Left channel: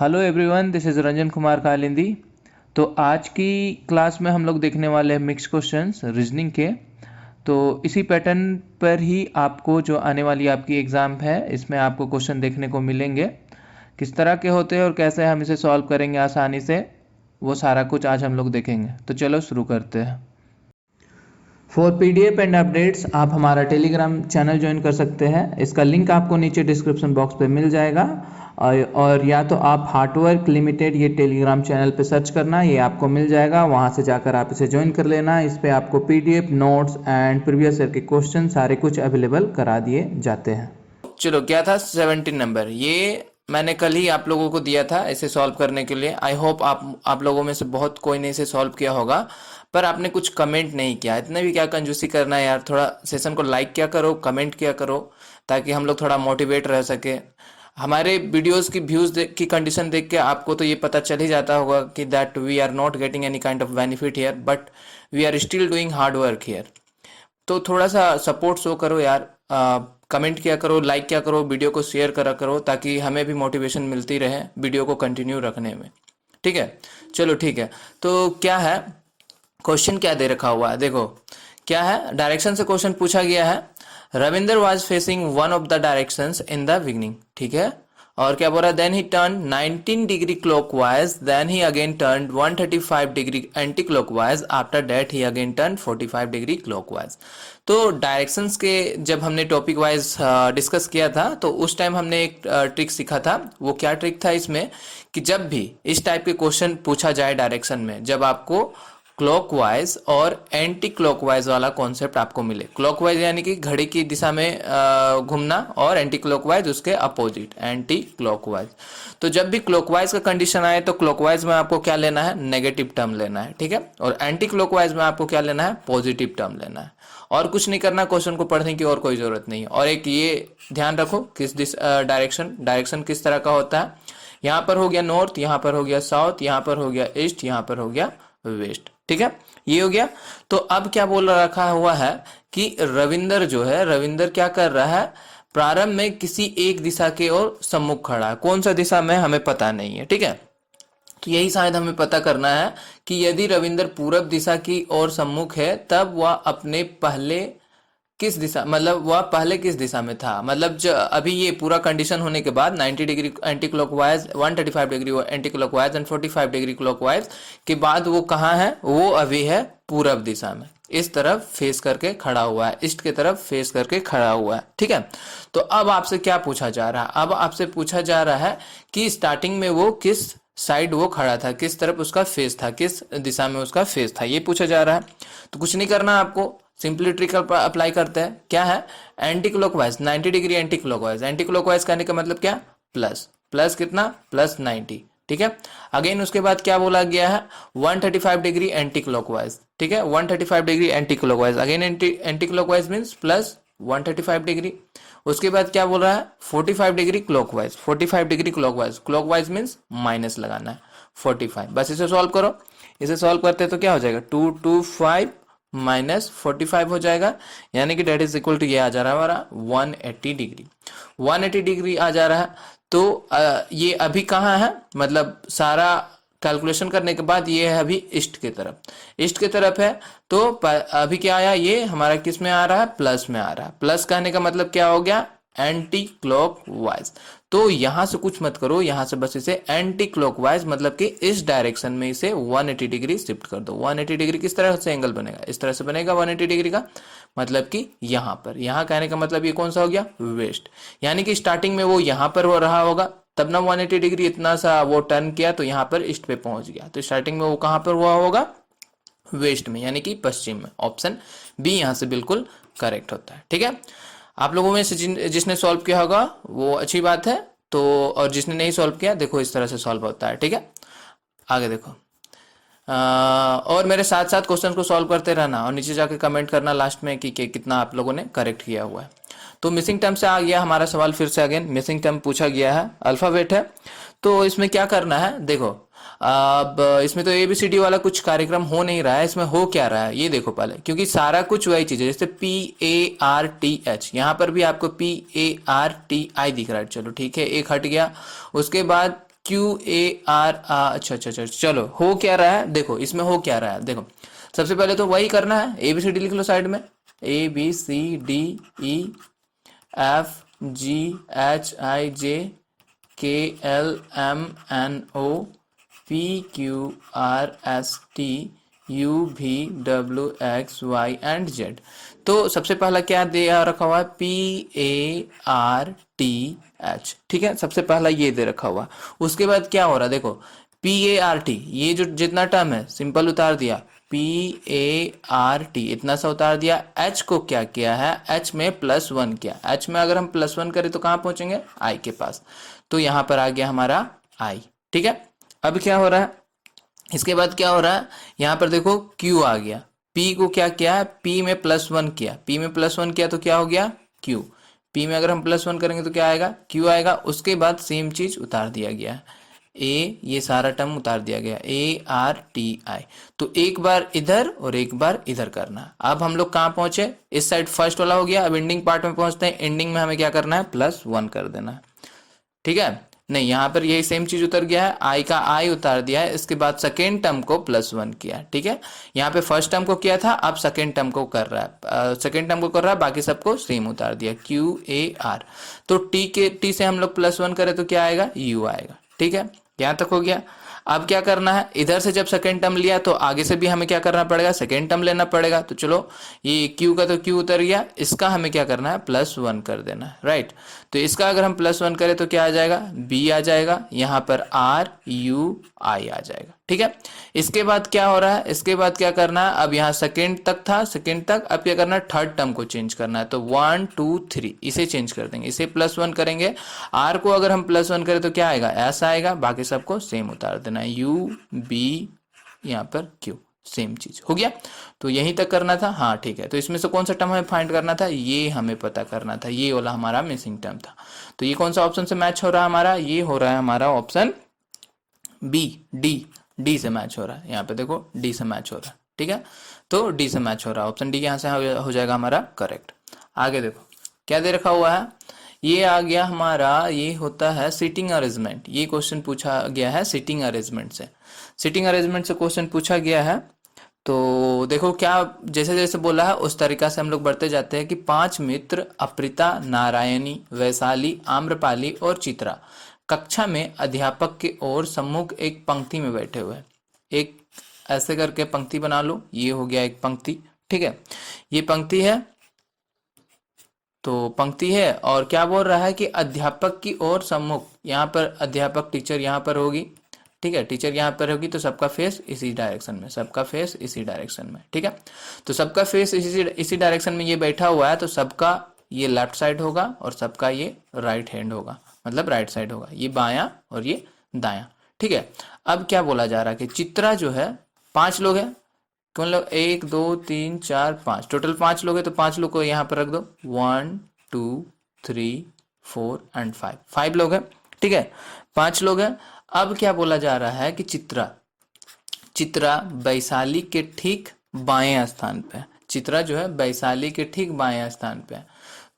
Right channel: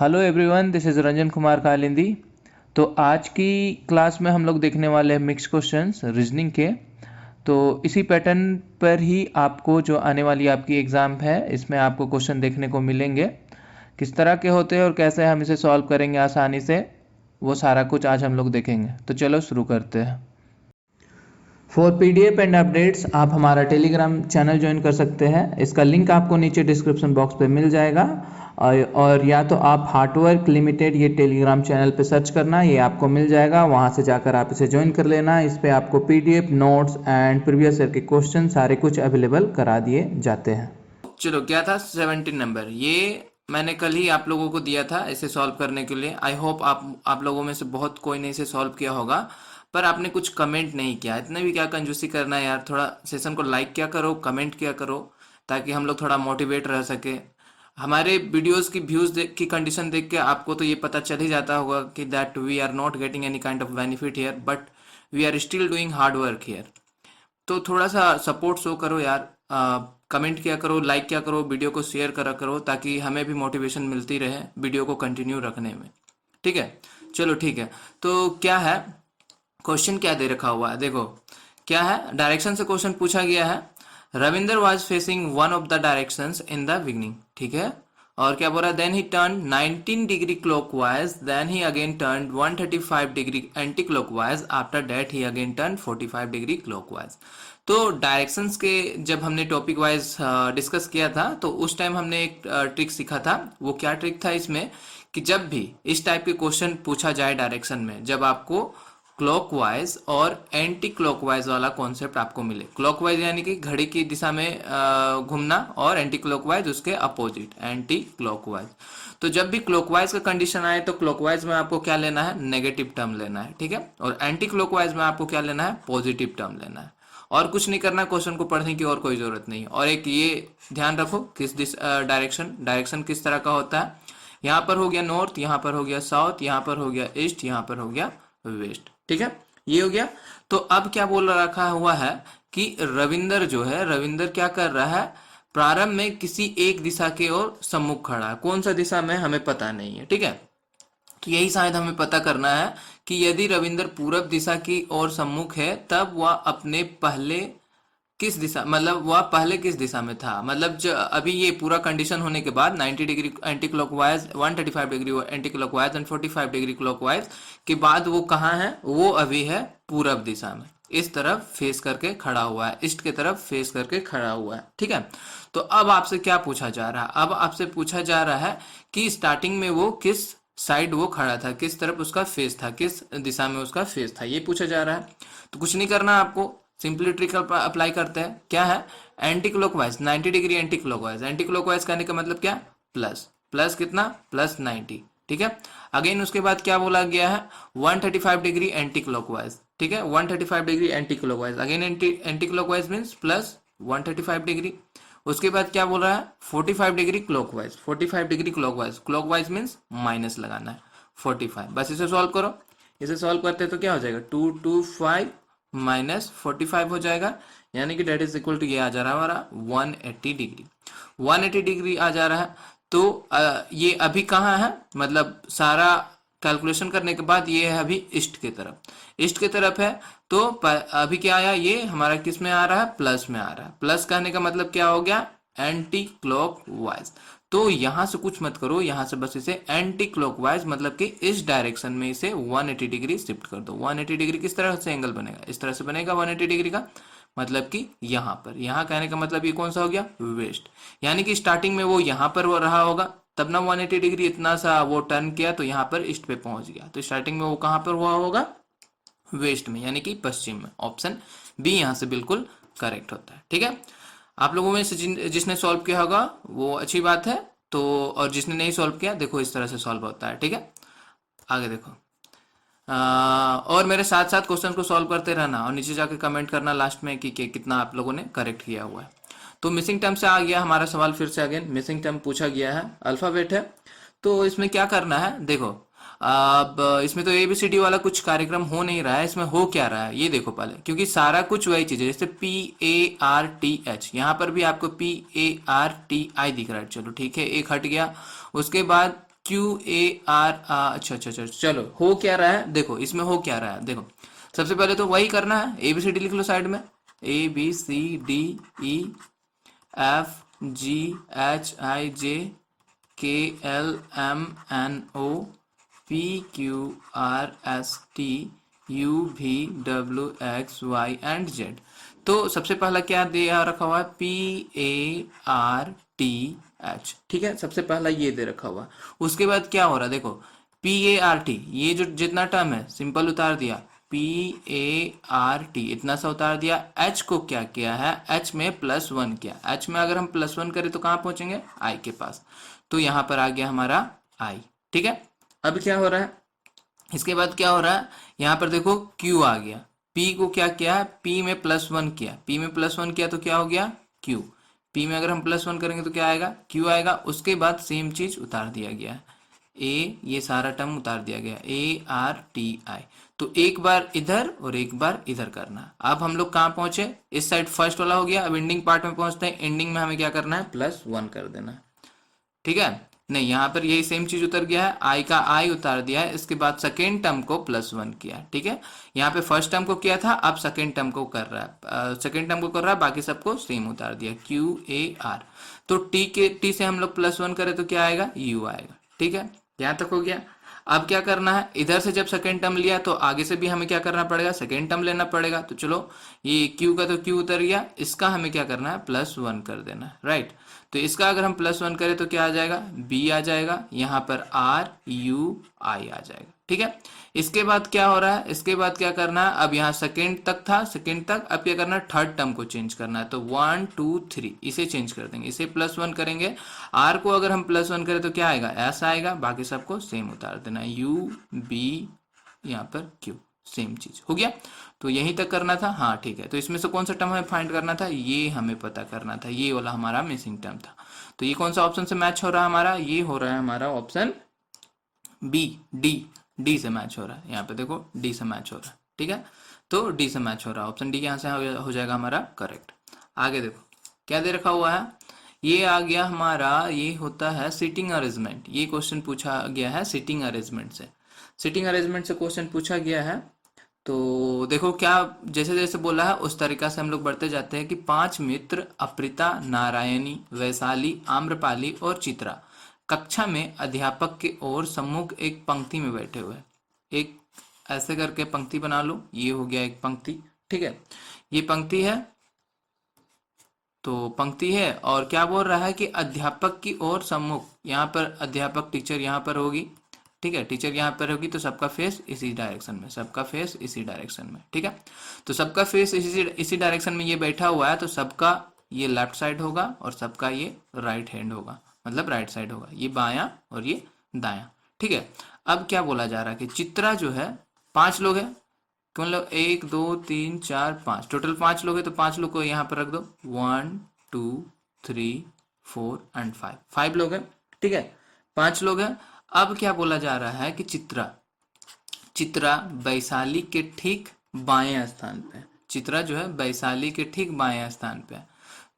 Hello everyone, this is Ranjan Kumar Kalindi. तो आज की क्लास में हम लोग देखने वाले हैं मिक्स क्वेश्चंस रीजनिंग के। तो इसी पैटर्न पर ही आपको जो आने वाली आपकी एग्ज़ाम है इसमें आपको क्वेश्चन देखने को मिलेंगे। किस तरह के होते हैं और कैसे हम इसे सॉल्व करेंगे आसानी से, वो सारा कुछ आज हम लोग देखेंगे। तो चलो शुरू करते हैं। फॉर PDF एंड अपडेट्स आप हमारा टेलीग्राम चैनल ज्वाइन कर सकते हैं। इसका लिंक आपको नीचे डिस्क्रिप्शन बॉक्स पे मिल जाएगा। और या तो आप हार्डवर्क लिमिटेड ये टेलीग्राम चैनल पे सर्च करना, ये आपको मिल जाएगा। वहाँ से जाकर आप इसे ज्वाइन कर लेना। इस पर आपको PDF notes and previous year के क्वेश्चन सारे कुछ अवेलेबल करा दिए जाते हैं। चलो, क्या था 17 नंबर, ये मैंने कल ही आप लोगों को दिया था इसे सॉल्व करने के लिए। आई होप आप लोगों में से बहुत कोई ने इसे सॉल्व किया होगा, पर आपने कुछ कमेंट नहीं किया। इतना भी क्या कंजूसी करना है यार, थोड़ा सेशन को लाइक क्या करो, कमेंट किया करो, ताकि हम लोग थोड़ा मोटिवेट रह सके। हमारे वीडियोस की व्यूज़ की कंडीशन देख के आपको तो ये पता चल ही जाता होगा कि that we are not getting any kind of benefit here, but we are still doing hard work here. तो थोड़ा सा सपोर्ट शो करो यार, कमेंट किया करो, लाइक किया करो, वीडियो को शेयर करा करो, ताकि हमें भी मोटिवेशन मिलती रहे वीडियो को कंटिन्यू रखने में। ठीक है, चलो ठीक है। तो क्या है, क्वेश्चन क्या दे रखा हुआ है देखो। क्या है, डायरेक्शन से क्वेश्चन पूछा गया है। Ravinder was facing one of the directions in the beginning. ठीक है, और क्या बोल रहा है, then he turn 19 degree clockwise, then he again turn 135 degree anti clockwise, after that he again turn 45 degree clockwise. तो डायरेक्शंस के जब हमने टॉपिक वाइज डिस्कस किया था तो उस टाइम हमने एक ट्रिक सीखा था। वो क्या ट्रिक था इसमें, कि जब भी इस टाइप के क्वेश्चन पूछा जाए डायरेक्शन में, जब आपको क्लॉकवाइज और एंटी क्लॉकवाइज वाला कॉन्सेप्ट आपको मिले। क्लॉकवाइज यानी कि घड़ी की दिशा में घूमना, और एंटी क्लॉकवाइज उसके अपोजिट एंटी क्लॉकवाइज। तो जब भी क्लॉकवाइज का कंडीशन आए तो क्लॉकवाइज में आपको क्या लेना है, नेगेटिव टर्म लेना है। ठीक है, और एंटी क्लॉकवाइज में आपको क्या लेना है, पॉजिटिव टर्म लेना है। और कुछ नहीं करना, क्वेश्चन को पढ़ने की और कोई जरूरत नहीं है। और एक ये ध्यान रखो, किस डायरेक्शन किस तरह का होता है। यहाँ पर हो गया नॉर्थ, यहाँ पर हो गया साउथ, यहाँ पर हो गया ईस्ट, यहाँ पर हो गया वेस्ट। ठीक है, ये हो गया। तो अब क्या बोल रखा हुआ है कि रविंदर जो है, रविंदर क्या कर रहा है, प्रारंभ में किसी एक दिशा के ओर सम्मुख खड़ा है। कौन सा दिशा में हमें पता नहीं है। ठीक है, तो यही शायद हमें पता करना है कि यदि रविंदर पूरब दिशा की ओर सम्मुख है, तब वह अपने पहले किस दिशा, मतलब वह पहले किस दिशा में था। मतलब जो अभी ये पूरा कंडीशन होने के बाद 90 degree anti clockwise, 135 degree anti clockwise and 45 degree clockwise के बाद वो कहाँ है, वो अभी है पूरब दिशा में, इस तरफ फेस करके खड़ा हुआ है, ईस्ट की तरफ फेस करके खड़ा हुआ है। ठीक है, तो अब आपसे क्या पूछा जा रहा है, अब आपसे पूछा जा रहा है कि स्टार्टिंग में वो किस साइड वो खड़ा था, किस तरफ उसका फेस था, किस दिशा में उसका फेस था, ये पूछा जा रहा है। तो कुछ नहीं करना आपको, सिंपली ट्रिक अप्लाई करते हैं। क्या है, anti clockwise 90 degree anti clockwise, anti clockwise कहने का मतलब क्या, प्लस, प्लस कितना, प्लस 90। ठीक है, अगेन उसके बाद क्या बोला गया है, 135 डिग्री एंटी क्लॉकवाइज। ठीक है, 135 degree anti clockwise, again anti clockwise means plus 135 degree. उसके बाद क्या बोल रहा है, 45 degree clockwise, 45 degree clockwise, clockwise means minus लगाना है 45। बस इसे सॉल्व करो। इसे सॉल्व करते हैं तो क्या हो जाएगा, 225 माइनस 45 हो जाएगा, यानी कि डेट इज इक्वल टू ये आ जा रहा है हमारा 180 डिग्री। 180 डिग्री आ जा रहा है। तो ये अभी कहाँ है, मतलब सारा कैलकुलेशन करने के बाद ये है अभी ईस्ट की तरफ, ईस्ट की तरफ है। तो अभी क्या आया, ये हमारा किस में आ रहा है, प्लस में आ रहा है। प्लस कहने का मतलब क्या हो गया, एंटी क्लॉकवाइज। तो यहां से कुछ मत करो, यहां से बस इसे एंटी क्लॉकवाइज मतलब कि इस डायरेक्शन में इसे 180 डिग्री शिफ्ट कर दो। 180 डिग्री किस तरह से एंगल बनेगा, इस तरह से बनेगा 180 डिग्री का, मतलब कि यहाँ पर, यहाँ कहने का मतलब ये कौन सा हो गया, वेस्ट। यानी कि स्टार्टिंग में वो यहाँ पर वो रहा होगा, तब ना 180 डिग्री इतना सा वो टर्न किया तो यहाँ पर ईस्ट पे पहुंच गया। तो स्टार्टिंग में वो कहाँ पर हुआ होगा, वेस्ट में, यानी कि पश्चिम में। ऑप्शन बी यहाँ से बिल्कुल करेक्ट होता है। ठीक है, आप लोगों में से जिसने सॉल्व किया होगा वो अच्छी बात है। तो और जिसने नहीं सॉल्व किया, देखो इस तरह से सॉल्व होता है। ठीक है, आगे देखो। और मेरे साथ साथ क्वेश्चन को सॉल्व करते रहना, और नीचे जाके कमेंट करना लास्ट में कि कितना आप लोगों ने करेक्ट किया हुआ है। तो मिसिंग टर्म से आ गया हमारा सवाल, फिर से अगेन मिसिंग टर्म पूछा गया है, अल्फाबेट है। तो इसमें क्या करना है देखो, अब इसमें तो ABCD वाला कुछ कार्यक्रम हो नहीं रहा है, इसमें हो क्या रहा है ये देखो पहले, क्योंकि सारा कुछ वही चीज है। जैसे PARTH, यहाँ पर भी आपको PARTI दिख रहा है, चलो ठीक है, एक हट गया। उसके बाद PQAR, अच्छा अच्छा अच्छा, चलो हो क्या रहा है देखो, इसमें हो क्या रहा है देखो। सबसे पहले तो वही करना है, ABCD लिख लो साइड में, ABCDEFGHIJKLMNOPQRSTUVWXY एंड Z। तो सबसे पहला क्या दिया रखा हुआ है, PARTH, ठीक है, सबसे पहला ये दे रखा हुआ। उसके बाद क्या हो रहा है देखो, PART, ये जो जितना टर्म है सिंपल उतार दिया, PART इतना सा उतार दिया। H को क्या किया है, H में +1 किया। H में अगर हम +1 करें तो कहाँ पहुंचेंगे, I के पास। तो यहाँ पर आ गया हमारा I, ठीक है। अब क्या हो रहा है, इसके बाद क्या हो रहा है, यहाँ पर देखो Q आ गया। P को क्या किया, P में +1 किया, P में +1 किया तो क्या हो गया, Q। P में अगर हम +1 करेंगे तो क्या आएगा, Q आएगा। उसके बाद सेम चीज उतार दिया गया है, ये सारा टर्म उतार दिया गया, ARTI। तो एक बार इधर और एक बार इधर करना। अब हम लोग कहाँ पहुंचे, इस साइड फर्स्ट वाला हो गया। अब एंडिंग पार्ट में पहुंचते हैं। एंडिंग में हमें क्या करना है, +1 कर देना है, ठीक है। नहीं, यहाँ पर यही सेम चीज उतर गया है, आई का आई उतार दिया है। इसके बाद सेकेंड टर्म को +1 किया, ठीक है। यहाँ पे फर्स्ट टर्म को किया था, अब सेकेंड टर्म को कर रहा है, सेकेंड टर्म को कर रहा है, बाकी सबको सेम उतार दिया, QAR। तो टी से हम लोग +1 करें तो क्या आएगा, U आएगा, ठीक है। यहाँ तक हो गया। अब क्या करना है, इधर से जब सेकेंड टर्म लिया तो आगे से भी हमें क्या करना पड़ेगा, सेकेंड टर्म लेना पड़ेगा। तो चलो, ये Q का तो Q उतर गया, इसका हमें क्या करना है, +1 कर देना है, राइट। तो इसका अगर हम +1 करें तो क्या आ जाएगा, B आ जाएगा, यहाँ पर RUI आ जाएगा, ठीक है। इसके बाद क्या हो रहा है, इसके बाद क्या करना है, अब यहाँ सेकेंड तक था, सेकेंड तक, अब क्या करना है, थर्ड टर्म को चेंज करना है। तो 1 2 3 इसे चेंज कर देंगे, इसे +1 करेंगे। R को अगर हम +1 करें तो क्या आएगा, S आएगा, बाकी सबको सेम उतार देना है, UB, यहाँ पर Q, सेम चीज हो गया। तो यहीं तक करना था, हाँ ठीक है। तो इसमें से कौन सा टर्म हमें फाइंड करना था, ये हमें पता करना था, ये वाला हमारा मिसिंग टर्म था। तो ये कौन सा ऑप्शन से मैच हो रहा है हमारा, ये हो रहा है हमारा ऑप्शन बी, डी से मैच हो रहा है। यहाँ पे देखो डी से मैच हो रहा है, ठीक है। तो डी से मैच हो रहा है, ऑप्शन डी यहाँ से हो जाएगा हमारा करेक्ट। आगे देखो क्या दे रखा हुआ है, ये आ गया हमारा, ये होता है सीटिंग अरेंजमेंट। ये क्वेश्चन पूछा गया है सीटिंग अरेंजमेंट से, सीटिंग अरेंजमेंट से क्वेश्चन पूछा गया है। तो देखो क्या, जैसे जैसे बोला है उस तरीका से हम लोग बढ़ते जाते हैं कि 5 मित्र अप्रिता, नारायणी, वैशाली, आम्रपाली और चित्रा कक्षा में अध्यापक की ओर सम्मुख एक पंक्ति में बैठे हुए हैं। एक ऐसे करके पंक्ति बना लो, ये हो गया एक पंक्ति, ठीक है। ये पंक्ति है, तो पंक्ति है, और क्या बोल रहा है कि अध्यापक की ओर सम्मुख, यहाँ पर अध्यापक टीचर यहाँ पर होगी, ठीक है, टीचर यहाँ पर होगी, तो सबका फेस इसी डायरेक्शन में, सबका फेस इसी डायरेक्शन में, ठीक है। तो सबका फेस इसी डायरेक्शन में ये बैठा हुआ है, तो सबका ये लेफ्ट साइड होगा और सबका ये राइट हैंड होगा, मतलब राइट साइड होगा, ये बायां और ये दायां, ठीक है। अब क्या बोला जा रहा है कि चित्रा जो है, 5 लोग हैं, मतलब 1 2 3 4 5, टोटल 5 लोग हैं, तो 5 लोग को यहाँ पर रख दो, 1 2 3 4 एंड 5, 5 लोग हैं, ठीक है, 5 लोग हैं। अब क्या बोला जा रहा है कि चित्रा वैशाली के ठीक बाएं स्थान पे, चित्रा जो है वैशाली के ठीक बाएं स्थान पे है।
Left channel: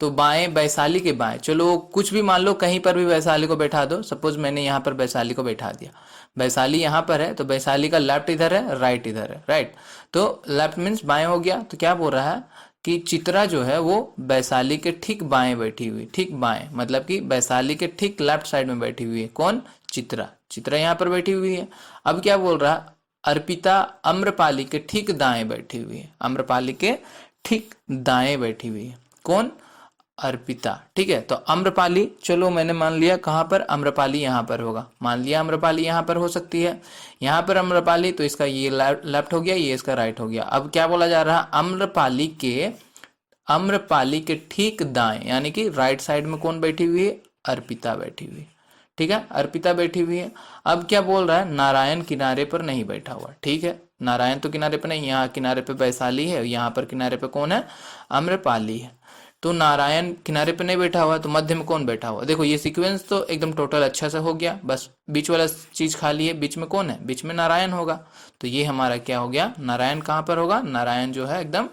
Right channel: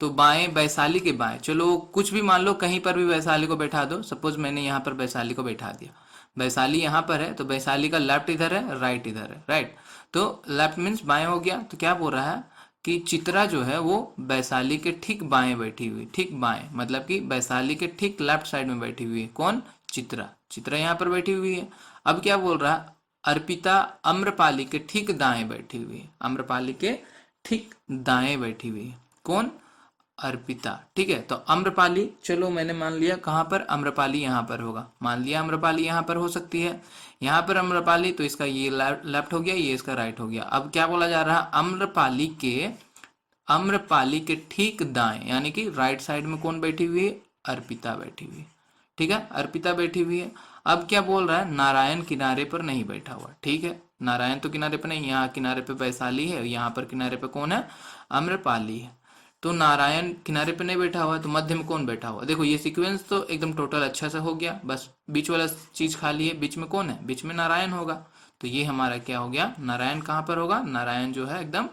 तो बाएं, वैशाली के बाएं, चलो कुछ भी मान लो, कहीं पर भी वैशाली को बैठा दो। सपोज मैंने यहाँ पर वैशाली को बैठा दिया, वैशाली यहाँ पर है, तो वैशाली का लेफ्ट इधर है, राइट इधर है, राइट। तो लेफ्ट मीन्स बाएं हो गया। तो क्या बोल रहा है कि चित्रा जो है वो वैशाली के ठीक बाएं बैठी हुई, ठीक बाएं मतलब कि वैशाली के ठीक लेफ्ट साइड में बैठी हुई है। कौन, चित्रा, चित्रा यहाँ पर बैठी हुई है। अब क्या बोल रहा है, अर्पिता आम्रपाली के ठीक दाएं बैठी हुई है, आम्रपाली के ठीक दाएं बैठी हुई है। कौन, अर्पिता, ठीक है। तो आम्रपाली, चलो मैंने मान लिया कहाँ पर, आम्रपाली यहाँ पर होगा, मान लिया आम्रपाली यहाँ पर हो सकती है, यहाँ पर आम्रपाली, तो इसका ये लेफ्ट हो गया, ये इसका राइट हो गया। अब क्या बोला जा रहा है, आम्रपाली के ठीक दाएं यानी कि राइट साइड में कौन बैठी हुई है, अर्पिता बैठी हुई है, ठीक है, अर्पिता बैठी हुई है। अब क्या बोल रहा है, नारायण किनारे पर नहीं बैठा हुआ, ठीक है, नारायण तो किनारे पर नहीं, यहाँ किनारे पे वैशाली है, यहाँ पर किनारे पे कौन है, आम्रपाली है। तो नारायण किनारे पे नहीं बैठा हुआ है, तो मध्य में कौन बैठा हुआ, देखो ये सीक्वेंस तो एकदम टोटल अच्छा से हो गया, बस बीच वाला चीज खाली है, बीच में कौन है, बीच में नारायण होगा। तो ये हमारा क्या हो गया, नारायण कहाँ पर होगा, नारायण जो है एकदम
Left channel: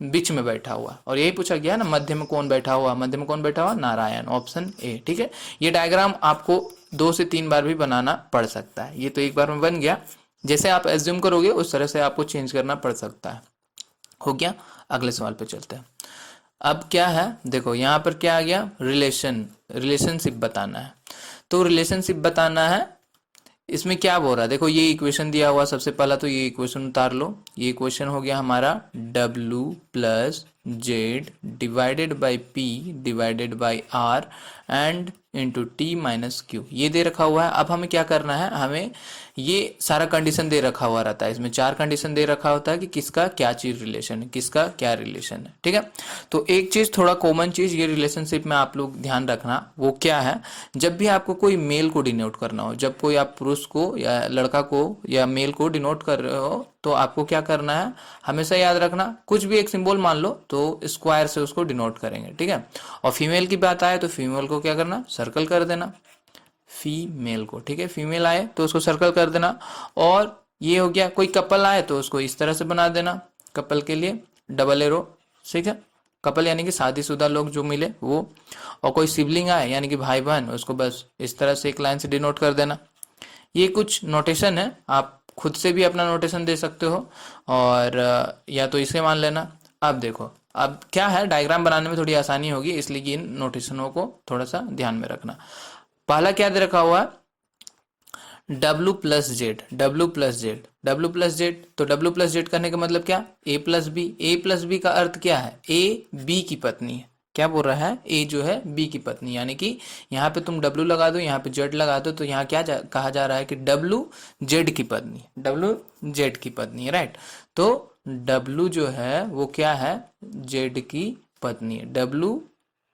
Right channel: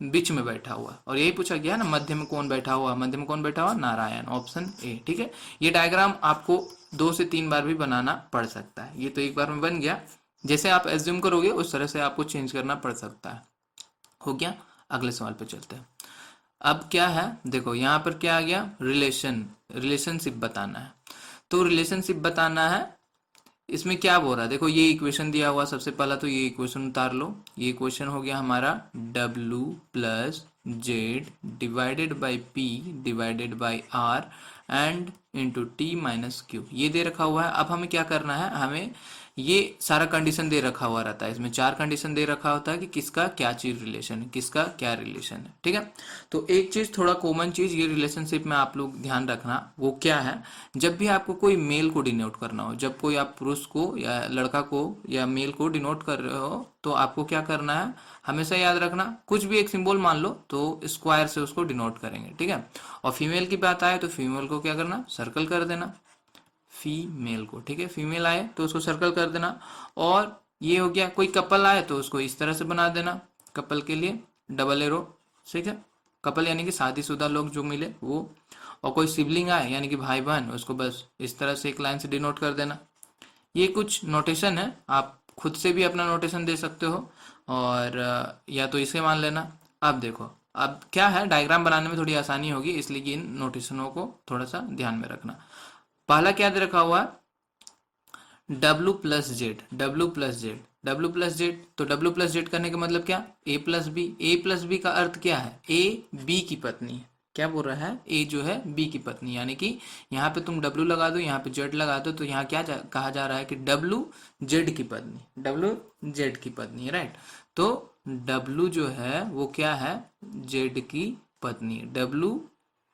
बीच में बैठा हुआ। और यही पूछा गया ना, मध्य में कौन बैठा हुआ, मध्य में कौन बैठा हुआ, नारायण, ऑप्शन ए, ठीक है। ये डायग्राम आपको 2 से 3 बार भी बनाना पड़ सकता है। ये तो एक बार में बन गया, जैसे आप एज्यूम करोगे उस तरह से आपको चेंज करना पड़ सकता है। हो गया, अगले सवाल पे चलते हैं। अब क्या है, देखो यहाँ पर क्या आ गया, रिलेशनशिप बताना है। तो रिलेशनशिप बताना है, इसमें क्या बोल रहा है, देखो ये इक्वेशन दिया हुआ, सबसे पहला तो ये इक्वेशन उतार लो। ये इक्वेशन हो गया हमारा W plus Z divided by P divided by R and into T minus Q, ये दे रखा हुआ है। अब हमें क्या करना है, हमें ये सारा कंडीशन दे रखा हुआ रहता है, इसमें 4 कंडीशन दे रखा होता है कि किसका क्या चीज रिलेशन है, किसका क्या रिलेशन है, ठीक है। तो एक चीज, थोड़ा कॉमन चीज ये रिलेशनशिप में आप लोग ध्यान रखना, वो क्या है, जब भी आपको कोई मेल को डिनोट करना हो, जब कोई आप पुरुष को या लड़का को या मेल को डिनोट कर रहे हो, तो आपको क्या करना है, हमेशा याद रखना, कुछ भी एक सिंबल मान लो तो स्क्वायर से उसको डिनोट करेंगे, ठीक है। और फीमेल की बात आए तो फीमेल को क्या करना, सर्कल कर देना, फीमेल को, ठीक है। फीमेल आए तो उसको सर्कल कर देना। और ये हो गया, कोई कपल आए तो उसको इस तरह से बना देना, कपल के लिए डबल एरो, ठीक है। कपल यानी कि शादीशुदा लोग जो मिले वो। और कोई सिबलिंग आए यानी कि भाई बहन, उसको बस इस तरह से एक लाइन से डिनोट कर देना। ये कुछ नोटेशन है, आप खुद से भी अपना नोटेशन दे सकते हो, और या तो इसे मान लेना। अब देखो, अब क्या है, डायग्राम बनाने में थोड़ी आसानी होगी, इसलिए इन नोटेशनों को थोड़ा सा ध्यान में रखना। पहला क्या दे रखा हुआ, W plus Z, W plus Z, W plus Z, तो W प्लस जेड करने का मतलब क्या, A plus B. A plus B का अर्थ क्या है, A B की पत्नी है। क्या बोल रहा है, A जो है B की पत्नी, यानी कि यहाँ पे तुम W लगा दो, यहाँ पे Z लगा दो, तो यहाँ क्या कहा जा रहा है कि W Z की पत्नी, W Z की पत्नी है, राइट। तो W जो है वो क्या है, Z की पत्नी है। W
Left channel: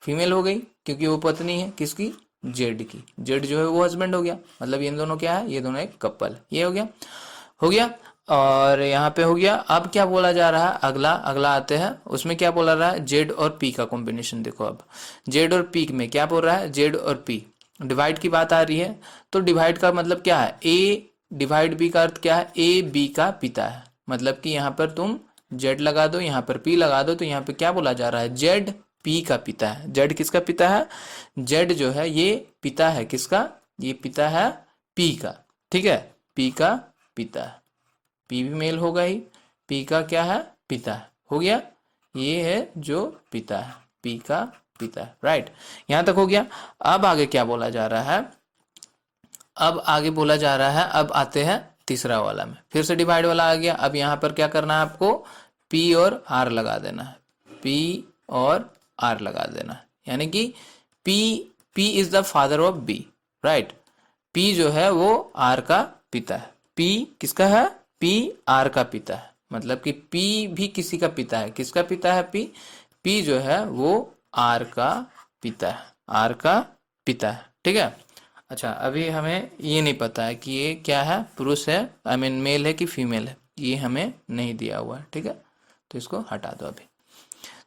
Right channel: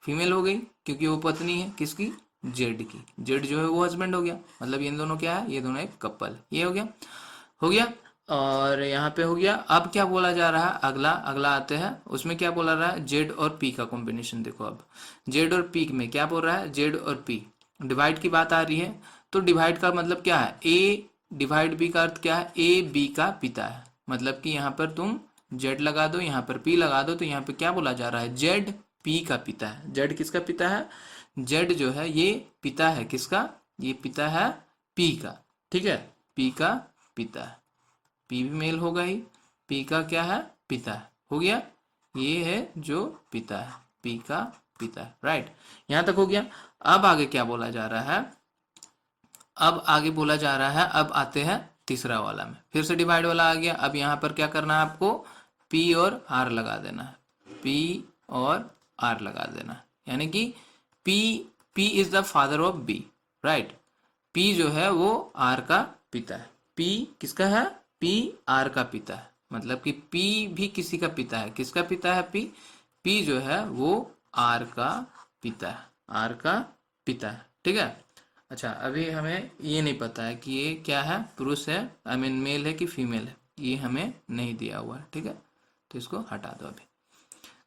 फीमेल हो गई क्योंकि वो पत्नी है किसकी, जेड की। जेड जो है वो हस्बैंड हो गया, मतलब ये दोनों क्या है, ये दोनों एक कपल, ये हो गया, हो गया। और यहाँ पे हो गया। अब क्या बोला जा रहा है, अगला अगला आते हैं, उसमें क्या बोला रहा है, जेड और पी का कॉम्बिनेशन। देखो अब जेड और पी में क्या बोल रहा है, जेड और पी डिवाइड की बात आ रही है। तो डिवाइड का मतलब क्या है, ए डिवाइड बी का अर्थ क्या है, ए बी का पिता है। मतलब कि यहाँ पर तुम जेड लगा दो, यहाँ पर पी लगा दो, तो यहाँ पे क्या बोला जा रहा है, जेड पी का पिता है। जेड किसका पिता है, जेड जो है ये पिता है किसका, ये पिता है पी का, ठीक है। पी का पिता है, पी भी मेल होगा ही, पी का क्या है, पिता है, हो गया। ये है जो पिता है, पी का पिता है, राइट। यहां तक हो गया। अब आगे क्या बोला जा रहा है, अब आगे बोला जा रहा है, अब आते हैं तीसरा वाला में, फिर से डिवाइड वाला आ गया। अब यहाँ पर क्या करना है आपको, पी और आर लगा देना है, पी और आर लगा देना है, यानी कि P, P is the father of B, right. P जो है वो आर का पिता है। पी किसका है, पी आर का पिता है, मतलब कि पी भी किसी का पिता है। किसका पिता है, पी, पी जो है वो आर का पिता है, आर का पिता है, ठीक है। अच्छा, अभी हमें ये नहीं पता है कि ये क्या है, पुरुष है, आई मीन मेल है कि फीमेल है, ये हमें नहीं दिया हुआ है, ठीक है। तो इसको हटा दो अभी।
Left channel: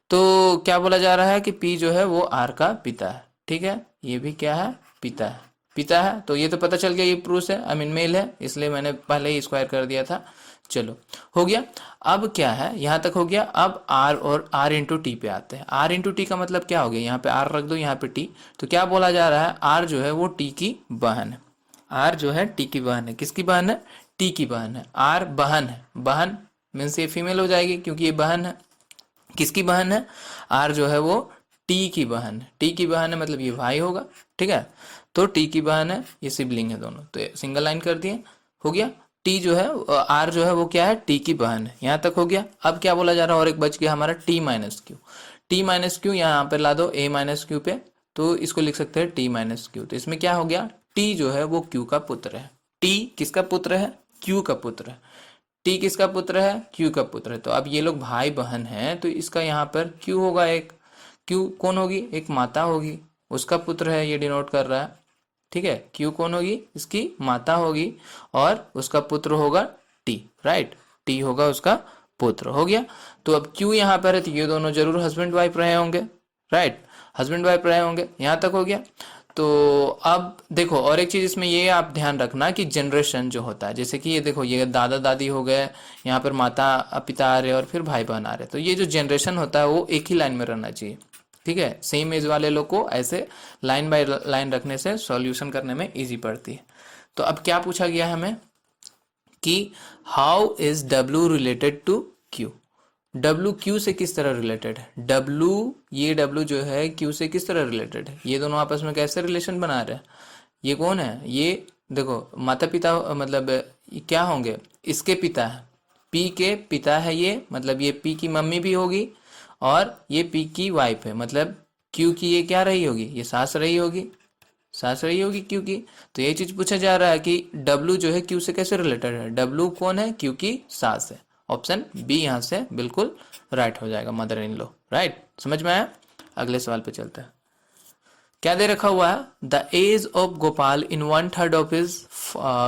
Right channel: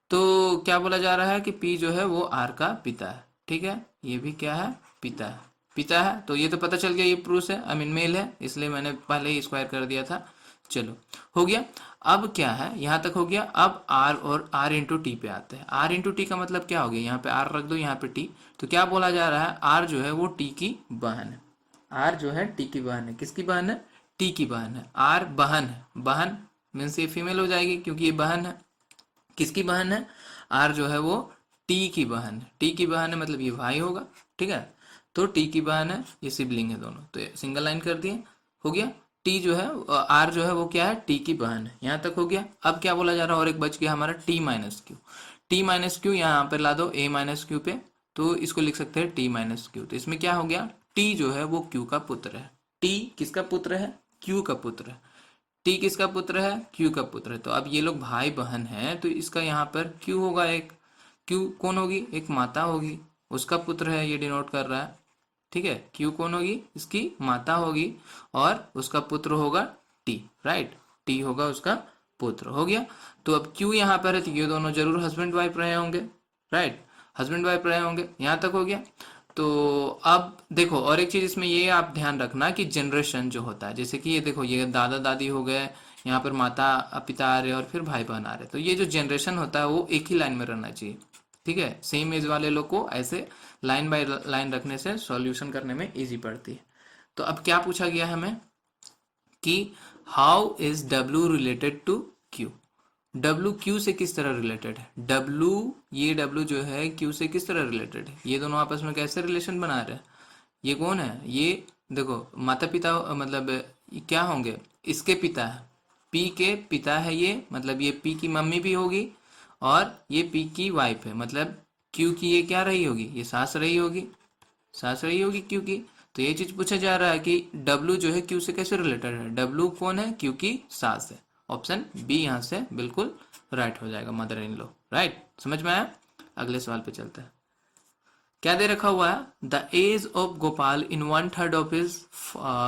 तो क्या बोला जा रहा है कि पी जो है वो आर का पिता है, ठीक है। ये भी क्या है, पिता है, पिता है। तो ये तो पता चल गया ये पुरुष है, आई मीन मेल है, इसलिए मैंने पहले ही स्क्वायर कर दिया था। चलो, हो गया। अब क्या है, यहाँ तक हो गया। अब आर और आर इंटू टी पे आते हैं। आर इंटू टी का मतलब क्या हो गया, यहाँ पे आर रख दो, यहाँ पे टी। तो क्या बोला जा रहा है, आर जो है वो टी की बहन है। आर जो है टी की बहन है, किसकी बहन है, टी की बहन है। आर बहन है, बहन मीन्स ये फीमेल हो जाएगी क्योंकि ये बहन है। किसकी बहन है, आर जो है वो टी की बहन है। टी की बहन है मतलब ये भाई होगा, ठीक है। तो टी की बहन है, ये सिबलिंग है दोनों, तो सिंगल लाइन कर दिए, हो गया। टी जो है, आर जो है वो क्या है, टी की बहन है। यहाँ तक हो गया। अब क्या बोला जा रहा है, और एक बच गया हमारा T minus Q. T minus Q यहाँ पर ला दो ए माइनस क्यू पे, तो इसको लिख सकते हैं टी माइनस क्यू। तो इसमें क्या हो गया, टी जो है वो क्यू का पुत्र है। टी किसका पुत्र है, क्यू का पुत्र है। टी किसका पुत्र है, क्यू का पुत्र है। तो अब ये लोग भाई बहन हैं, तो इसका यहाँ पर क्यू होगा एक। क्यू कौन होगी, एक माता होगी, उसका पुत्र है, ये डिनोट कर रहा है, ठीक है। क्यू कौन होगी, इसकी माता होगी, और उसका पुत्र होगा टी, राइट। टी होगा उसका पुत्र, हो गया। तो अब क्यू यहाँ पर है, तो ये दोनों जरूर हस्बैंड वाइफ रहे होंगे, राइट, हस्बैंड वाइफ रहे होंगे। यहाँ तक हो गया। तो अब देखो, और एक चीज इसमें ये आप ध्यान रखना कि जनरेशन जो होता है, जैसे कि ये देखो, ये दादा दादी हो गए, यहाँ पर माता पिता आ रहे और फिर भाई बहन आ रहे, तो ये जो जनरेशन होता है वो एक ही लाइन में रहना चाहिए। ठीक है, सेम एज वाले लोग को ऐसे लाइन बाय लाइन रखने से सॉल्यूशन करने में इजी पड़ती है। तो अब क्या पूछा गया हमें कि how is W related to Q। W Q से किस तरह रिलेटेड है, W, ये W जो है Q से किस तरह रिलेटेड है, ये दोनों आपस में कैसे रिलेशन बना रहे हैं। ये कौन है, ये देखो माता पिता, मतलब ये क्या होंगे, इसके पिता है, P के पिता है ये, मतलब ये P की मम्मी भी होगी और ये P की वाइफ है, मतलब Q की ये क्या रही होगी, ये सास रही होगी, सास रही होगी Q की। तो ये चीज पूछा जा रहा है कि W जो है Q से कैसे रिलेटेड है, W कौन है, Q की सास है। ऑप्शन बी यहाँ से बिल्कुल राइट हो जाएगा, मदर इन लॉ। राइट, समझ में आया। अगले सवाल पे चलते हैं। क्या दे रखा हुआ है, the age of Gopal in 1/3 of his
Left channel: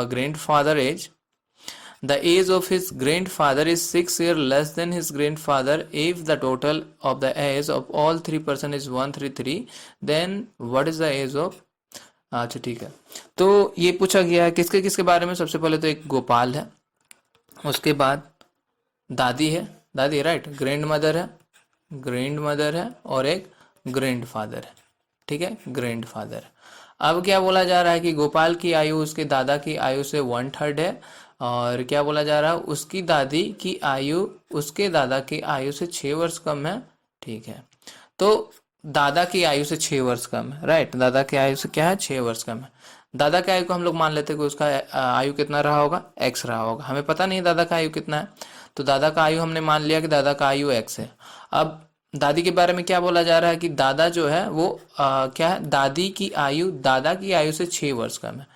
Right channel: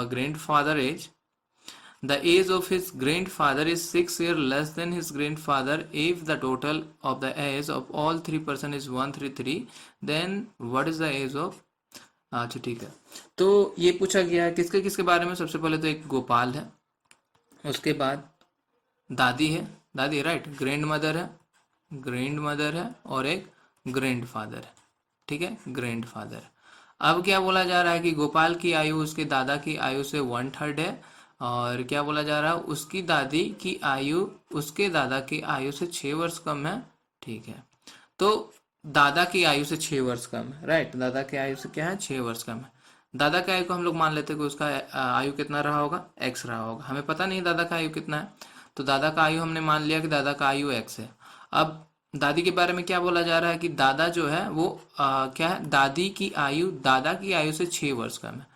grandfather age, the age of his grandfather is 6 years less than his grandfather. If the total of the age of all three person is 133, then what is the age of, अच्छा ठीक है। तो ये पूछा गया है किसके किसके बारे में, सबसे पहले तो एक गोपाल है, उसके बाद दादी है, दादी राइट, ग्रैंड मदर है, ग्रैंड मदर है, और एक ग्रैंड फादर है। ठीक है, ग्रैंड फादर। अब क्या बोला जा रहा है कि गोपाल की आयु उसके दादा की आयु से 1/3 है, और क्या बोला जा रहा है, उसकी दादी की आयु उसके दादा की आयु से 6 वर्ष कम है। ठीक है, तो दादा की आयु से 6 वर्ष कम है, राइट, दादा की आयु से क्या है, 6 वर्ष कम है। दादा की आयु को हम लोग मान लेते हैं कि उसका आयु कितना रहा होगा, एक्स रहा होगा, हमें पता नहीं दादा का आयु कितना है, तो दादा का आयु हमने मान लिया कि दादा का आयु एक्स है। अब दादी के बारे में क्या बोला जा रहा है कि दादा जो है वो क्या है, दादी की आयु दादा की आयु से 6 वर्ष कम है।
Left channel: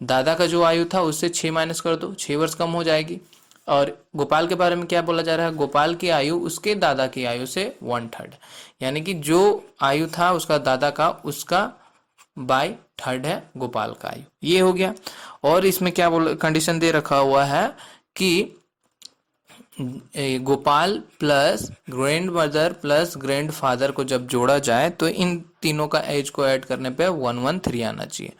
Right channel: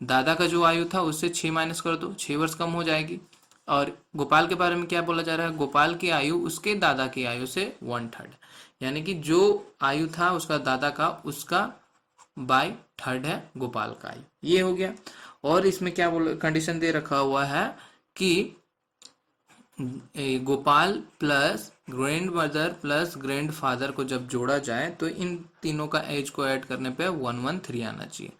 दादा का जो आयु था उससे 6 माइनस कर दो, 6 वर्ष कम हो जाएगी। और गोपाल के बारे में क्या बोला जा रहा है, गोपाल की आयु उसके दादा की आयु से 1/3, यानी कि जो आयु था उसका दादा का, उसका बाय थर्ड है गोपाल का आयु, ये हो गया। और इसमें क्या बोल कंडीशन दे रखा हुआ है कि Gopal plus grand mother plus grand father को जब जोड़ा जाए तो इन तीनों का एज को ऐड करने पे 113 आना चाहिए।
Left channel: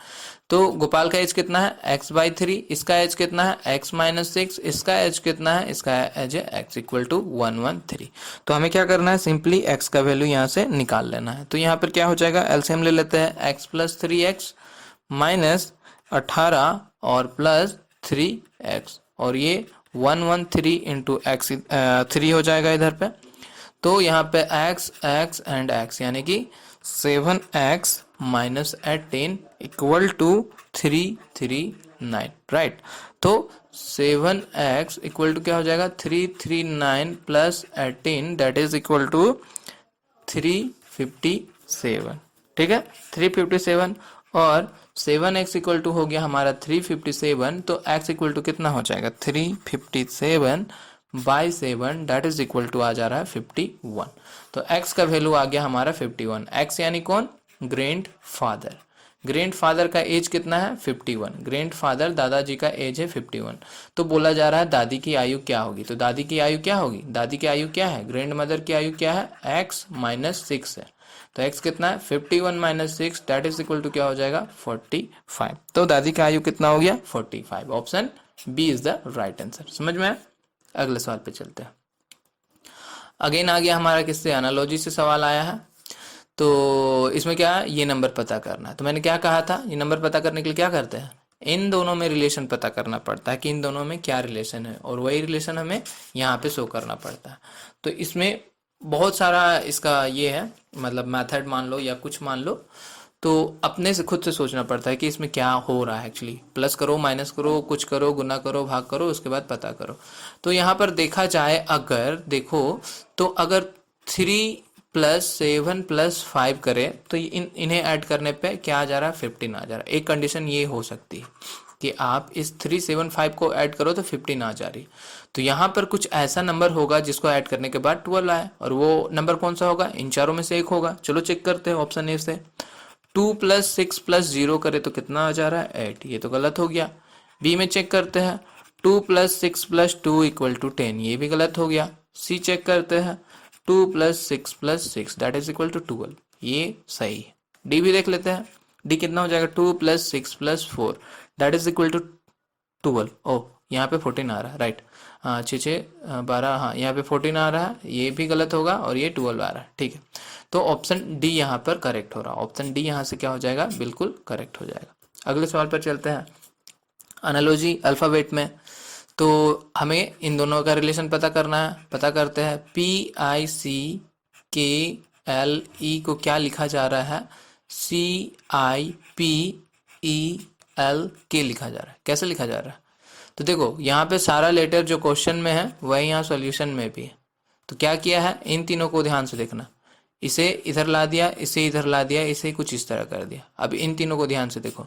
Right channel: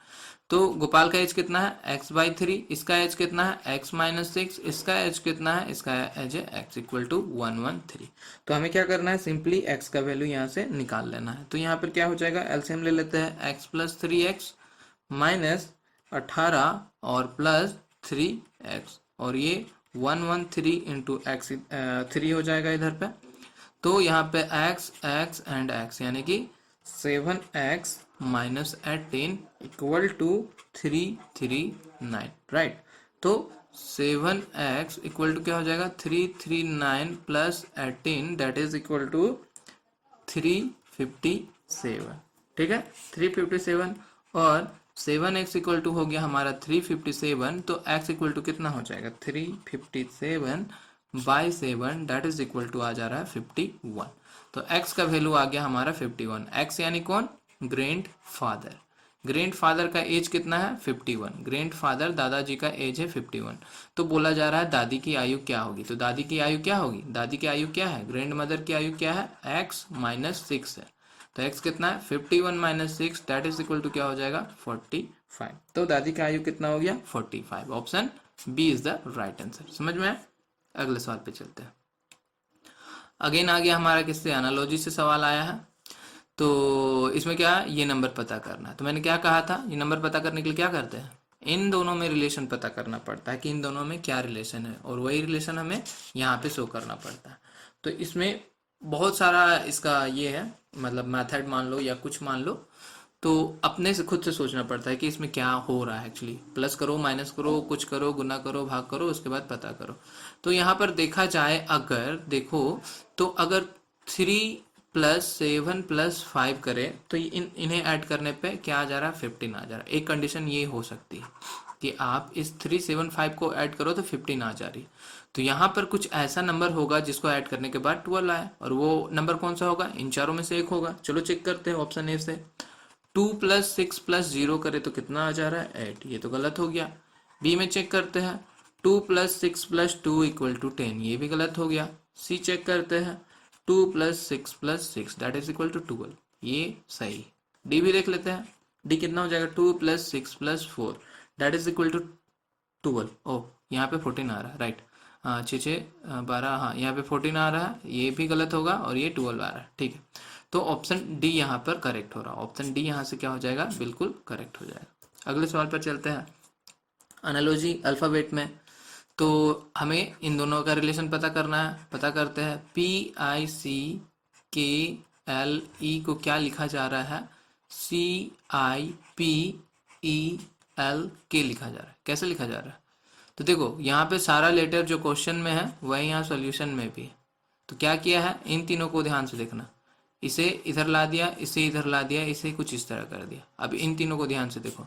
तो गोपाल का एज कितना है, x/3, इसका एज कितना है, x-6, इसका एज कितना है, इसका एज है x इक्वल टू 113। तो हमें क्या करना है, सिंपली x का वैल्यू यहाँ से निकाल लेना है। तो यहाँ पर क्या हो जाएगा, एलसीएम ले लेते हैं, x + 3x माइनस 18 और प्लस 3x, और ये 113 इंटू एक्स 3 हो जाएगा इधर पे। तो यहाँ पे x x एंड x यानी कि 7x minus 18 equal to 339, right. तो 7x इक्वल टू क्या हो जाएगा, 339 plus 18 that is equal to 357। ठीक है, 357, और 7x इक्वल टू हो गया हमारा 357, तो x इक्वल टू कितना हो जाएगा, 357/7 दैट इज इक्वल टू आ जा रहा है 51। तो x का वैल्यू आ गया हमारा 51। x यानी कौन, ग्रैंड फादर। ग्रैंड फादर का एज कितना है, 51। ग्रैंड फादर दादाजी का एज है 51। तो बोला जा रहा है दादी की आयु क्या होगी, तो दादी की आयु क्या होगी, दादी की आयु क्या है, ग्रैंड मदर की आयु क्या है, x-6 है। तो x कितना है, 51 - 6 दैट इज इक्वल टू क्या हो जाएगा, 45। तो दादी का आयु कितना हो गया, 45। Option B is the right answer. समझ में आया। अगले सवाल पे चलते हैं। अगेन आ गया हमारा किससे, एनालॉजी से सवाल आया है। तो इसमें क्या, ये नंबर पता करना है। तो मैंने क्या कहा था, ये नंबर पता करने के लिए क्या करते हैं, इन दोनों में रिलेशन पता करना पड़ता है कि इन दोनों में क्या रिलेशन है, और वही रिलेशन हमें यहाँ पे शो करना पड़ता है। तो इसमें बहुत सारा इसका ये है, मतलब मेथड मान लो या कुछ मान लो, तो अपने से खुद से सोचना पड़ता है कि इसमें क्या हो रहा है एक्चुअली। प्लस करो, माइनस करो, कुछ करो, गुना करो, भाग करो, उसके बाद पता करो। तो यहाँ पर देखा जाए, अगर देखो तो अगर 3 + 7 + 5 करें तो इन्हें ऐड करने पे क्या आ जा रहा है, 15 आ जा रहा है। एक कंडीशन ये हो सकती है कि आप इस 3, 7, 5 को ऐड करो तो 15 आ जा रही। तो यहाँ पर कुछ ऐसा नंबर होगा जिसको ऐड करने के बाद 12 आए, और वो नंबर कौन सा होगा, इन चारों में से एक होगा। चलो चेक करते हैं ऑप्शन ए से। 2 + 6 + 0 करे तो कितना आ जा रहा है, 8, ये तो गलत हो गया। बी में चेक करते हैं, 2 + 6 + 2 = 10, ये भी गलत हो गया। सी चेक करते हैं, 2 + 6 + 6 दैट इज इक्वल टू 12, ये सही है। डी भी देख लेते हैं, डी कितना हो जाएगा, 2 + 6 + 4 दैट इज इक्वल टू 12। ओ यहाँ पे 14 आ रहा है, राइट। हाँ 6 6 12, हाँ यहाँ पे 14 आ रहा है, ये भी गलत होगा और ये 12 आ रहा है, ठीक है। तो ऑप्शन डी यहाँ पर करेक्ट हो रहा है, ऑप्शन डी यहाँ से क्या हो जाएगा, बिल्कुल करेक्ट हो जाएगा। अगले सवाल पर चलते हैं। एनालॉजी अल्फ़ाबेट में, तो हमें इन दोनों का रिलेशन पता करना है, पता करते हैं। PICKLE को क्या लिखा जा रहा है, CIPELK लिखा जा रहा है। कैसे लिखा जा रहा है, तो देखो यहाँ पे सारा लेटर जो क्वेश्चन में है वही यहाँ सॉल्यूशन में भी है। तो क्या किया है, इन तीनों को ध्यान से देखना, इसे इधर ला दिया, इसे इधर ला दिया, इसे कुछ इस तरह कर दिया। अब इन तीनों को ध्यान से देखो,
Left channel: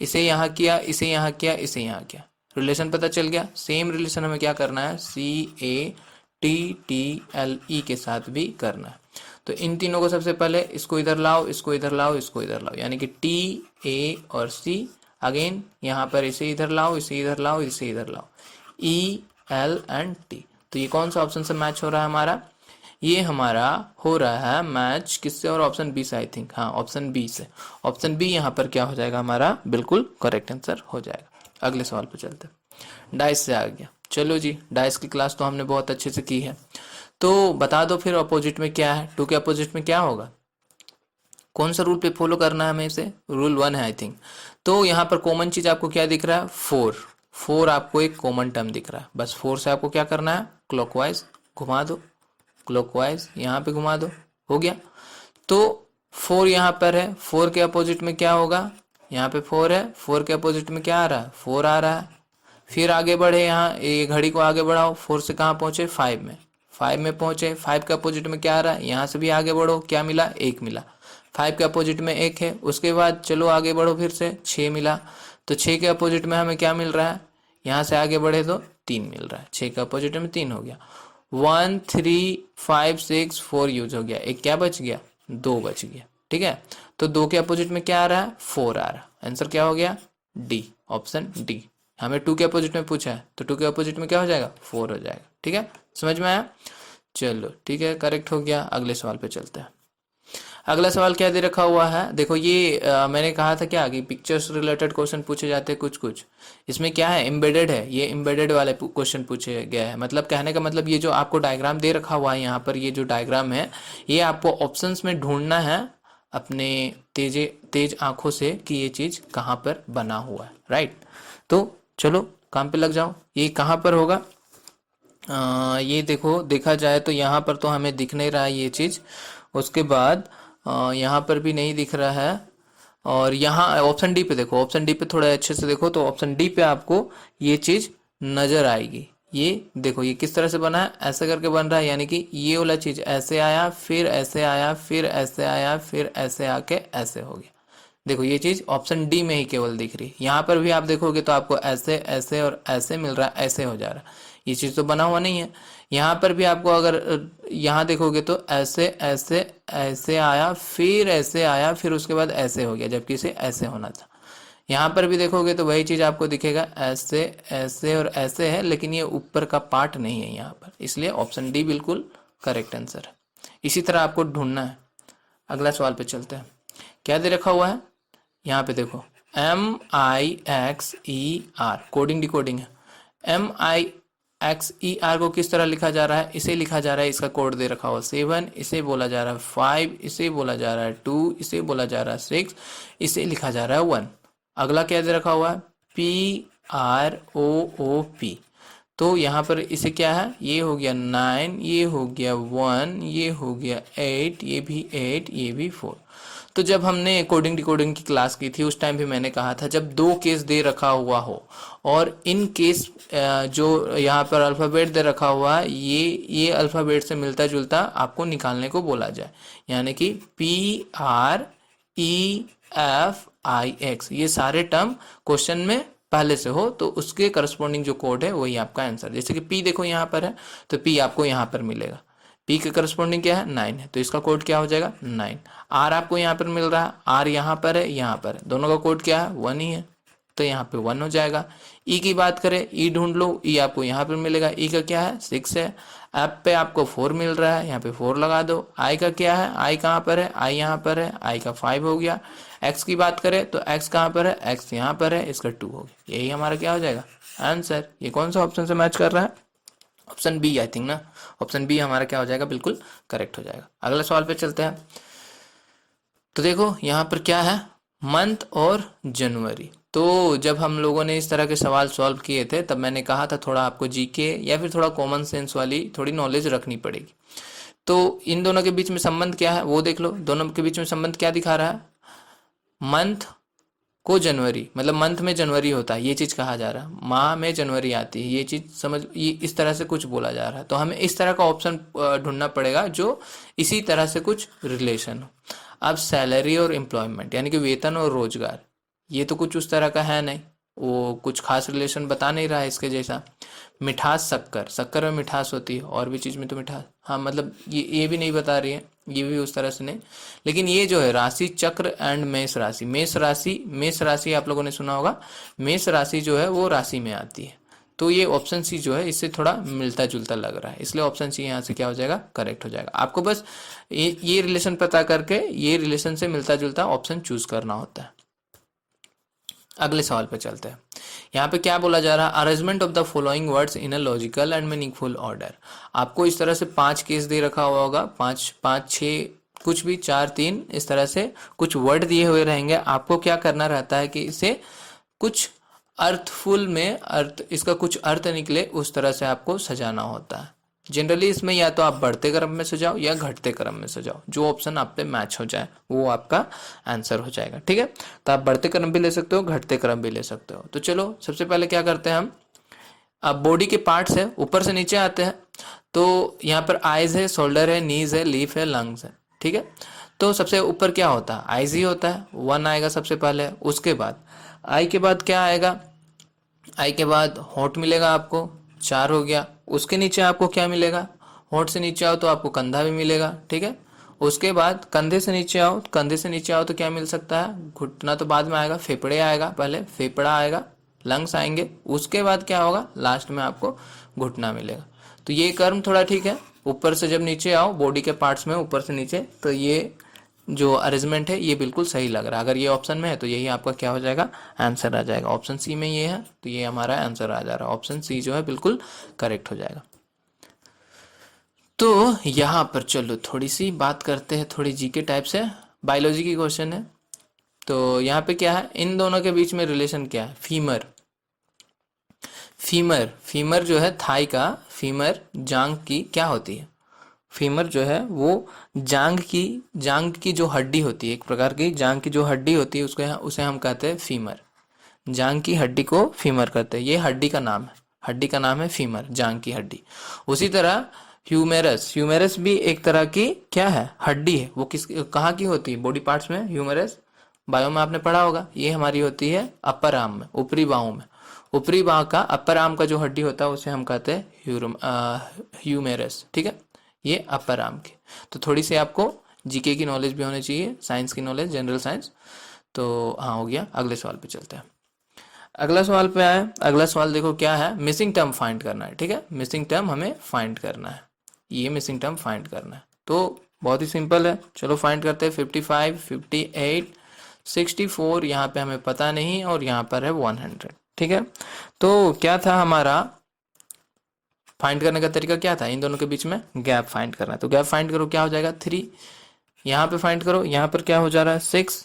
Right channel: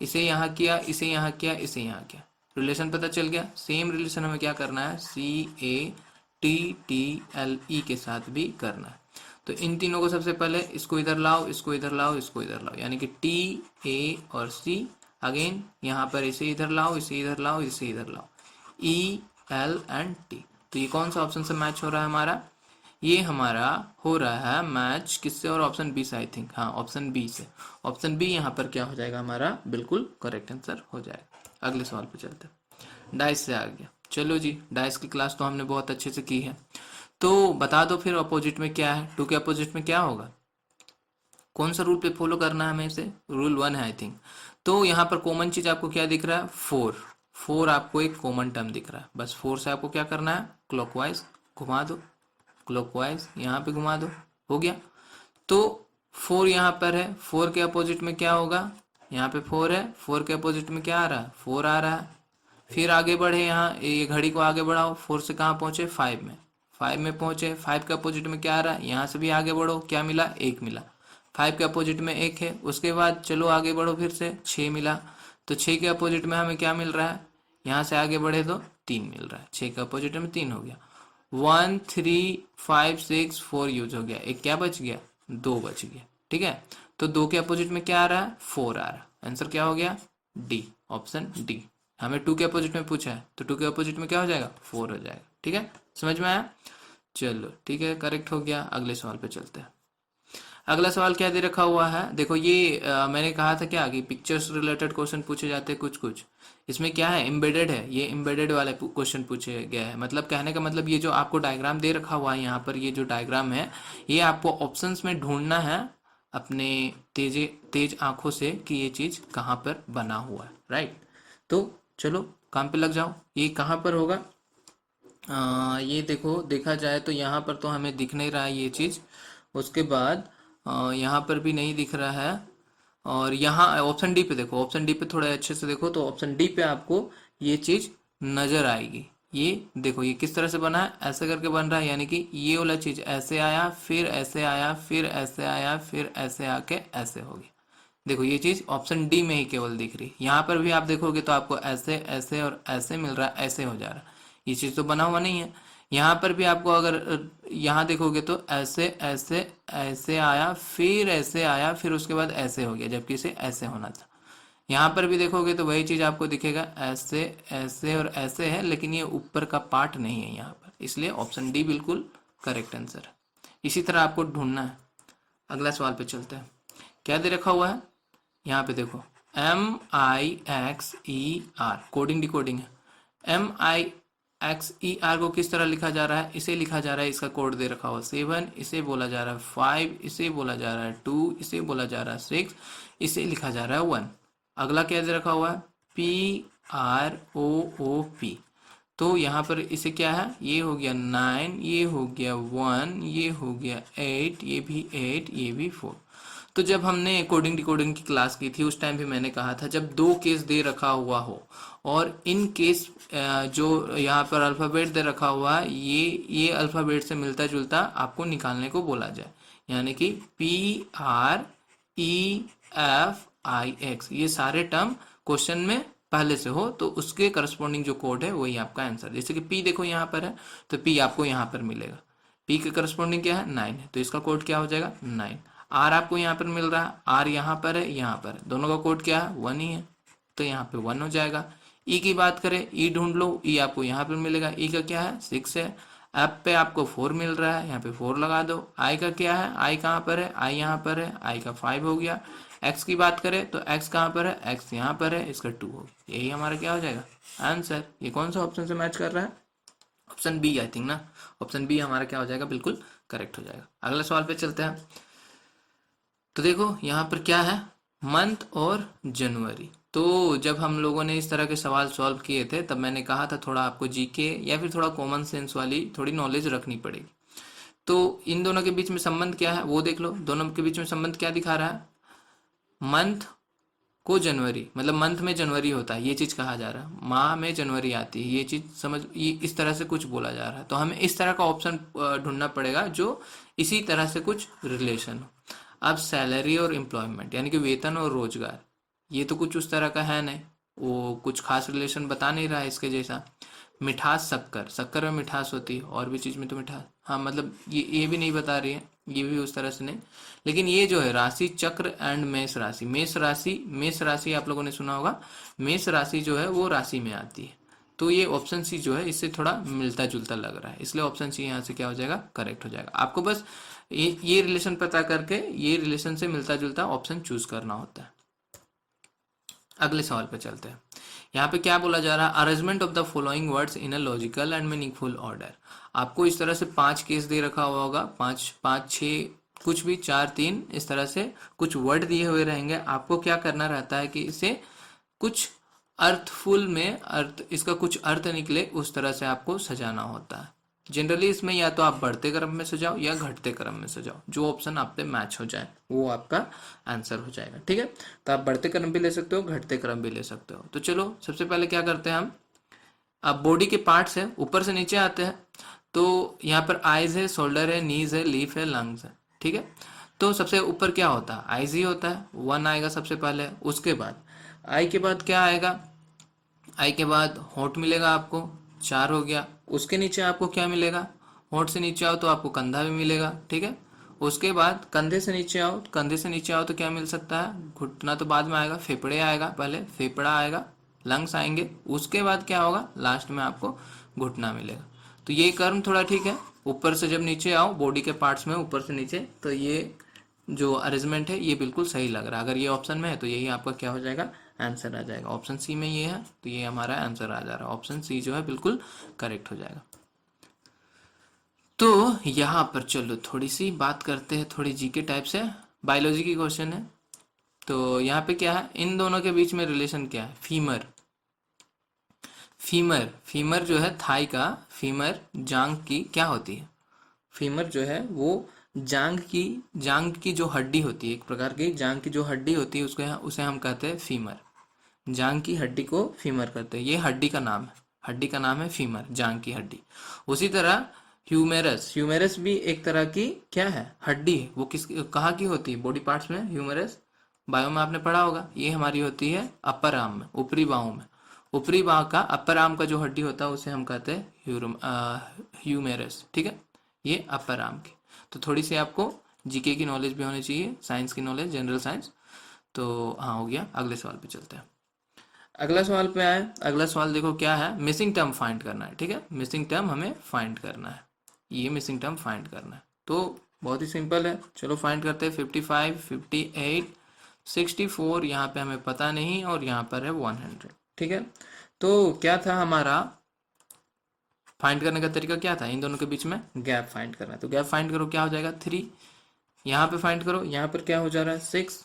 इसे यहाँ किया, इसे यहाँ किया, इसे यहाँ किया, रिलेशन पता चल गया। सेम रिलेशन हमें क्या करना है, CATTLE के साथ भी करना है। तो इन तीनों को सबसे पहले इसको इधर लाओ, इसको इधर लाओ, इसको इधर लाओ, यानी कि TA और C। अगेन यहाँ पर इसे इधर लाओ, इसे इधर लाओ, इसे इधर लाओ, EL एंड T। तो ये कौन सा ऑप्शन से मैच हो रहा है हमारा, ये हमारा हो रहा है मैच किससे, और ऑप्शन बी से, आई थिंक, हाँ ऑप्शन बी से। ऑप्शन बी यहाँ पर क्या हो जाएगा हमारा, बिल्कुल करेक्ट आंसर हो जाएगा। अगले सवाल पे चलते हैं। डाइस से आ गया, चलो जी, डाइस की क्लास तो हमने बहुत अच्छे से की है, तो बता दो फिर अपोजिट में क्या है, 2 के अपोजिट में क्या होगा, कौन सा रूल पे फॉलो करना है हमें, इसे रूल 1 है आई थिंक। तो यहाँ पर कॉमन चीज आपको क्या दिख रहा है, 4 आपको एक कॉमन टर्म दिख रहा है, बस 4 से आपको क्या करना है, क्लॉकवाइज घुमा दो, क्लॉकवाइज यहाँ पे घुमा दो, हो गया। तो 4 यहाँ पर है, 4 के अपोजिट में क्या होगा, यहाँ पे 4 है, 4 के अपोजिट में क्या आ रहा है, 4 आ रहा है। फिर आगे बढ़े, यहाँ ये घड़ी को आगे बढ़ाओ, 4 से कहाँ पहुंचे, 5 में, 5 में पहुंचे। 5 के अपोजिट में क्या आ रहा है, यहाँ से भी आगे बढ़ो, क्या मिला, 1 मिला, 5 के अपोजिट में 1 है। उसके बाद चलो आगे बढ़ो, फिर से 6 मिला, तो 6 के अपोजिट में हमें क्या मिल रहा है, यहाँ से आगे बढ़े तो 3 मिल रहा है, 6 के अपोजिट में 3 हो गया। 1 3 5 6 4 यूज हो गया, एक क्या बच गया, 2 बच गया, ठीक है। तो 2 के अपोजिट में क्या आ रहा है, 4 आ रहा है, आंसर क्या हो गया, डी, ऑप्शन डी। हमें 2 के अपोजिट में पूछा है, तो 2 के अपोजिट में क्या हो जाएगा, 4 हो जाएगा, ठीक है, समझ में आया, चलो ठीक है, करेक्ट हो गया। अगले सवाल पे चलते हैं। अगला सवाल क्या दे रखा हुआ है, देखो ये मैंने कहा था क्या कि पिक्चर्स रिलेटेड क्वेश्चन पूछे जाते हैं कुछ कुछ, इसमें क्या है, एम्बेडेड है, ये एम्बेडेड वाले क्वेश्चन पूछे गए हैं। मतलब कहने का मतलब ये जो आपको डायग्राम दे रखा हुआ है यहाँ पर, ये जो डायग्राम है ये आपको ऑप्शंस में ढूंढना है अपने तेज आंखों से कि ये चीज़ कहाँ पर बना हुआ है, राइट। तो चलो काम पे लग जाओ, ये कहाँ पर होगा, ये देखो, देखा जाए तो यहाँ पर तो हमें दिख नहीं रहा है ये चीज़, उसके बाद यहाँ पर भी नहीं दिख रहा है, और यहाँ ऑप्शन डी पे देखो, ऑप्शन डी पे थोड़ा अच्छे से देखो, तो ऑप्शन डी पे आपको ये चीज़ नज़र आएगी। ये देखो ये किस तरह से बना है, ऐसे करके बन रहा है, यानी कि ये वाला चीज़ ऐसे आया, फिर ऐसे आया, फिर ऐसे आया, फिर ऐसे आके ऐसे हो गया। देखो ये चीज़ ऑप्शन डी में ही केवल दिख रही, यहाँ पर भी आप देखोगे तो आपको ऐसे ऐसे और ऐसे मिल रहा है, ऐसे हो जा रहा है, ये चीज़ तो बना हुआ नहीं है। यहाँ पर भी आपको अगर यहाँ देखोगे तो ऐसे ऐसे ऐसे आया, फिर ऐसे आया, फिर उसके बाद ऐसे हो गया, जबकि इसे ऐसे होना था। यहाँ पर भी देखोगे तो वही चीज़ आपको दिखेगा, ऐसे ऐसे और ऐसे है, लेकिन ये ऊपर का पार्ट नहीं है यहाँ पर, इसलिए ऑप्शन डी बिल्कुल करेक्ट आंसर है। इसी तरह आपको ढूंढना है। अगला सवाल पे चलते हैं, क्या दे रखा हुआ है, यहाँ पे देखो MIXER, कोडिंग डिकोडिंग है। MIXER को किस तरह लिखा जा रहा है, इसे लिखा जा रहा है, इसका कोड दे रखा हुआ 7, इसे बोला जा रहा है 5, इसे बोला जा रहा है 2, इसे बोला जा रहा है 6, इसे लिखा जा रहा है 1। अगला क्या दे रखा हुआ है, PROOP, तो यहाँ पर इसे क्या है, ये हो गया 9, ये हो गया 1, ये हो गया 8, ये भी 8, ये भी 4। तो जब हमने कोडिंग डिकोडिंग की क्लास की थी उस टाइम भी मैंने कहा था, जब 2 केस दे रखा हुआ हो और इन केस जो यहाँ पर अल्फ़ाबेट दे रखा हुआ है ये अल्फ़ाबेट से मिलता जुलता आपको निकालने को बोला जाए, यानी कि PREFIX, ये सारे टर्म क्वेश्चन में पहले से हो तो उसके करस्पॉन्डिंग जो कोड है वही आपका आंसर। जैसे कि P देखो यहाँ पर है, तो P आपको यहाँ पर मिलेगा, P के करस्पॉन्डिंग क्या है, 9 है, तो इसका कोड क्या हो जाएगा, 9। R आपको यहाँ पर मिल रहा है, R यहाँ पर है, यहाँ पर है, दोनों का कोड क्या है, 1 ही है, तो यहाँ पे 1 हो जाएगा। E की बात करें, E ढूंढ लो, E आपको यहाँ पर मिलेगा, E का क्या है, 6 है। F पे आपको 4 मिल रहा है, यहाँ पे 4 लगा दो। I का क्या है, I कहाँ पर है, I यहाँ पर है, I का 5 हो गया। X की बात करें तो X कहाँ पर है, X यहाँ पर है, इसका 2 हो गया। यही हमारा क्या हो जाएगा आंसर। ये कौन सा ऑप्शन से मैच कर रहा है, ऑप्शन बी आई थिंक ना, ऑप्शन बी हमारा क्या हो जाएगा, बिल्कुल करेक्ट हो जाएगा। अगले सवाल पे चलते हैं। तो देखो यहाँ पर क्या है, मंथ और जनवरी। तो जब हम लोगों ने इस तरह के सवाल सॉल्व किए थे तब मैंने कहा था थोड़ा आपको जीके या फिर थोड़ा कॉमन सेंस वाली थोड़ी नॉलेज रखनी पड़ेगी। तो इन दोनों के बीच में संबंध क्या है वो देख लो, दोनों के बीच में संबंध क्या दिखा रहा है, मंथ को जनवरी, मतलब मंथ में जनवरी होता है ये चीज़ कहा जा रहा है, माह में जनवरी आती है ये चीज़ समझ, ये इस तरह से कुछ बोला जा रहा है। तो हमें इस तरह का ऑप्शन ढूंढना पड़ेगा जो इसी तरह से कुछ रिलेशन हो। अब सैलरी और एम्प्लॉयमेंट यानी कि वेतन और रोजगार, ये तो कुछ उस तरह का है नहीं, वो कुछ खास रिलेशन बता नहीं रहा है इसके जैसा। मिठास, शक्कर, शक्कर में मिठास होती है और भी चीज़ में तो मिठास, हाँ मतलब ये भी नहीं बता रही है, ये भी उस तरह से नहीं। लेकिन ये जो है राशि चक्र एंड मेष राशि, मेष राशि आप लोगों ने सुना होगा, मेष राशि जो है वो राशि में आती है। तो ये ऑप्शन सी जो है इससे थोड़ा मिलता जुलता लग रहा है, इसलिए ऑप्शन सी यहाँ से क्या हो जाएगा, करेक्ट हो जाएगा। आपको बस ये रिलेशन पता करके ये रिलेशन से मिलता जुलता ऑप्शन चूज करना होता है। अगले सवाल पे चलते हैं। यहाँ पे क्या बोला जा रहा है, arrangement of the following words in a logical and meaningful order. आपको इस तरह से 5 केस दे रखा हुआ होगा, 5 5 6 कुछ भी 4 3 इस तरह से कुछ वर्ड दिए हुए रहेंगे। आपको क्या करना रहता है कि इसे कुछ अर्थफुल में, अर्थ इसका कुछ अर्थ निकले उस तरह से आपको सजाना होता है। जनरली इसमें या तो आप बढ़ते क्रम में सजाओ या घटते क्रम में सजाओ, जो ऑप्शन आप पे मैच हो जाए वो आपका आंसर हो जाएगा, ठीक है। तो आप बढ़ते क्रम भी ले सकते हो, घटते क्रम भी ले सकते हो। तो चलो सबसे पहले क्या करते हैं हम, अब बॉडी के पार्ट्स है ऊपर से नीचे आते हैं। तो यहाँ पर आइज है, शोल्डर है, नीज है, लीफ है, लंग्स है, ठीक है। तो सबसे ऊपर क्या होता है, आइज ही होता है, 1 आएगा सबसे पहले। उसके बाद आई के बाद क्या आएगा, आई के बाद होठ मिलेगा आपको, 4 हो गया। उसके नीचे आपको क्या मिलेगा, होठ से नीचे आओ तो आपको कंधा भी मिलेगा, ठीक है। उसके बाद कंधे से नीचे आओ, कंधे से नीचे आओ तो क्या मिल सकता है, घुटना तो बाद में आएगा, फेफड़े आएगा, पहले फेफड़ा आएगा, लंग्स आएंगे, उसके बाद क्या होगा, लास्ट में आपको घुटना मिलेगा। तो ये कर्म थोड़ा ठीक है, ऊपर से जब नीचे आओ बॉडी के पार्ट्स में ऊपर से नीचे, तो ये जो अरेंजमेंट है ये बिल्कुल सही लग रहा है। अगर ये ऑप्शन में है तो यही आपका क्या हो जाएगा, आंसर आ जाएगा। ऑप्शन सी में ये है तो ये हमारा आंसर आ जा रहा है, ऑप्शन सी जो है बिल्कुल करेक्ट हो जाएगा। तो यहाँ पर चलो थोड़ी सी बात करते हैं, थोड़ी जीके टाइप से, बायोलॉजी की क्वेश्चन है। तो यहाँ पे क्या है, इन दोनों के बीच में रिलेशन क्या है, फीमर, फीमर फीमर जो है थाई का, फीमर जांग की क्या होती है, फीमर जो है वो जांग की जो हड्डी होती है, एक प्रकार की जांग की जो हड्डी होती है उसको उसे हम कहते हैं फीमर। जांग की हड्डी को फीमर कहते हैं, ये हड्डी का नाम है, हड्डी का नाम है फीमर, जांग की हड्डी। उसी तरह ह्यूमेरस, ह्यूमेरस भी एक तरह की क्या है, हड्डी है। वो किस कहाँ की होती है, बॉडी पार्ट्स में ह्यूमेरस, बायो में आपने पढ़ा होगा। ये हमारी होती है अपर आर्म में, ऊपरी बाहों में, ऊपरी बाह का अपर आर्म का जो हड्डी होता है उसे हम कहते हैं ह्यूमेरस, ठीक है। ये अपर आर्म की। तो थोड़ी सी आपको जीके की नॉलेज भी होनी चाहिए, साइंस की नॉलेज, जनरल साइंस। तो हाँ हो गया, अगले सवाल पे चलते हैं। अगला सवाल पे आए, अगला सवाल देखो क्या है, मिसिंग टर्म फाइंड करना है, ठीक है। मिसिंग टर्म हमें फाइंड करना है, ये मिसिंग टर्म फाइंड करना है। तो बहुत ही सिंपल है, चलो फाइंड करते हैं। 55, 58, 64 यहाँ पे हमें पता नहीं, और यहाँ पर है 100, ठीक है। तो क्या था हमारा फाइंड करने का तरीका, क्या था, इन दोनों के बीच में गैप फाइंड करना है। तो गैप फाइंड करो, क्या हो जाएगा 3, यहाँ पे फाइंड करो, यहाँ पर क्या हो जा रहा है 6,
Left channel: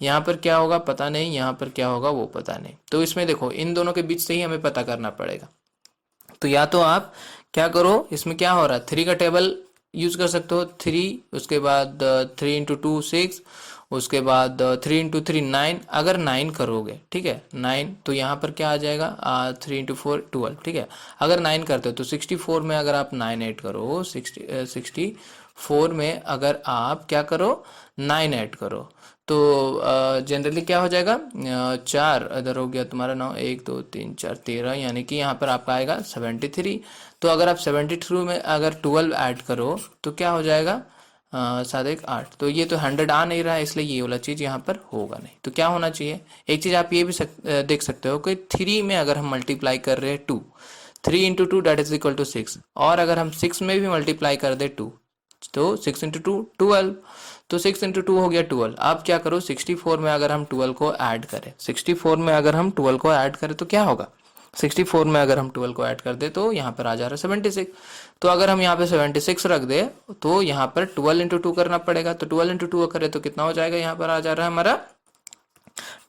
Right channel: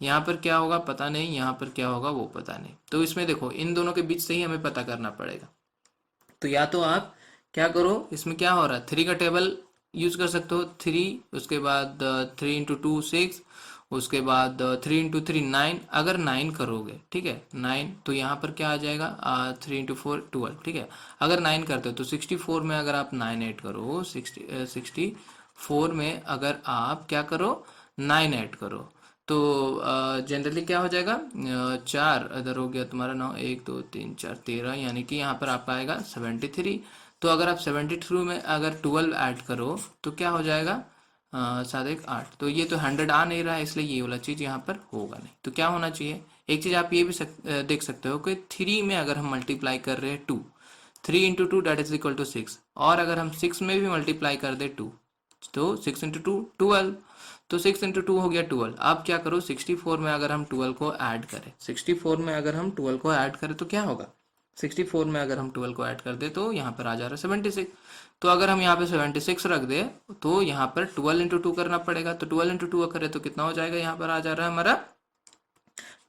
यहाँ पर क्या होगा पता नहीं, यहाँ पर क्या होगा वो पता नहीं। तो इसमें देखो इन दोनों के बीच से ही हमें पता करना पड़ेगा। तो या तो आप क्या करो, इसमें क्या हो रहा है, 3 का टेबल यूज कर सकते हो, 3, उसके बाद 3 इंटू 2 6, उसके बाद 3 इंटू 3 9। अगर 9 करोगे, ठीक है 9, तो यहाँ पर क्या आ जाएगा 3 इंटू 4 12, ठीक है। अगर 9 करते हो तो 64 में अगर आप 9 ऐड करो, 64 में अगर आप क्या करो 9 ऐड करो, तो जनरली क्या हो जाएगा, 4 इधर हो गया तुम्हारा 9, 1 2 3 4 13, यानी कि यहाँ पर आपका आएगा 73। तो अगर आप 73 में अगर 12 ऐड करो तो क्या हो जाएगा 7 1 8। तो ये तो 100 आ नहीं रहा है, इसलिए ये वाला चीज़ यहाँ पर होगा नहीं। तो क्या होना चाहिए, एक चीज़ आप ये भी देख सकते हो कि 3 में अगर हम मल्टीप्लाई कर रहे हैं 2, 3 into 2 that is equal to 6, और अगर हम 6 में भी मल्टीप्लाई कर दे 2, तो 6 इंटू 2 12। तो 6 इंटू 2 हो गया 12। अब क्या करो 64 में अगर हम 12 को ऐड करें, 64 में अगर हम 12 को ऐड करें तो क्या होगा, 64 में अगर हम 12 को ऐड कर दे तो यहाँ पर आ जा रहा है 76। तो अगर हम यहाँ पे 76 रख दे तो यहाँ पर 12 इंटू 2 करना पड़ेगा, तो 12 इंटू 2 करें तो कितना हो जाएगा, यहाँ पर आ जा रहा है हमारा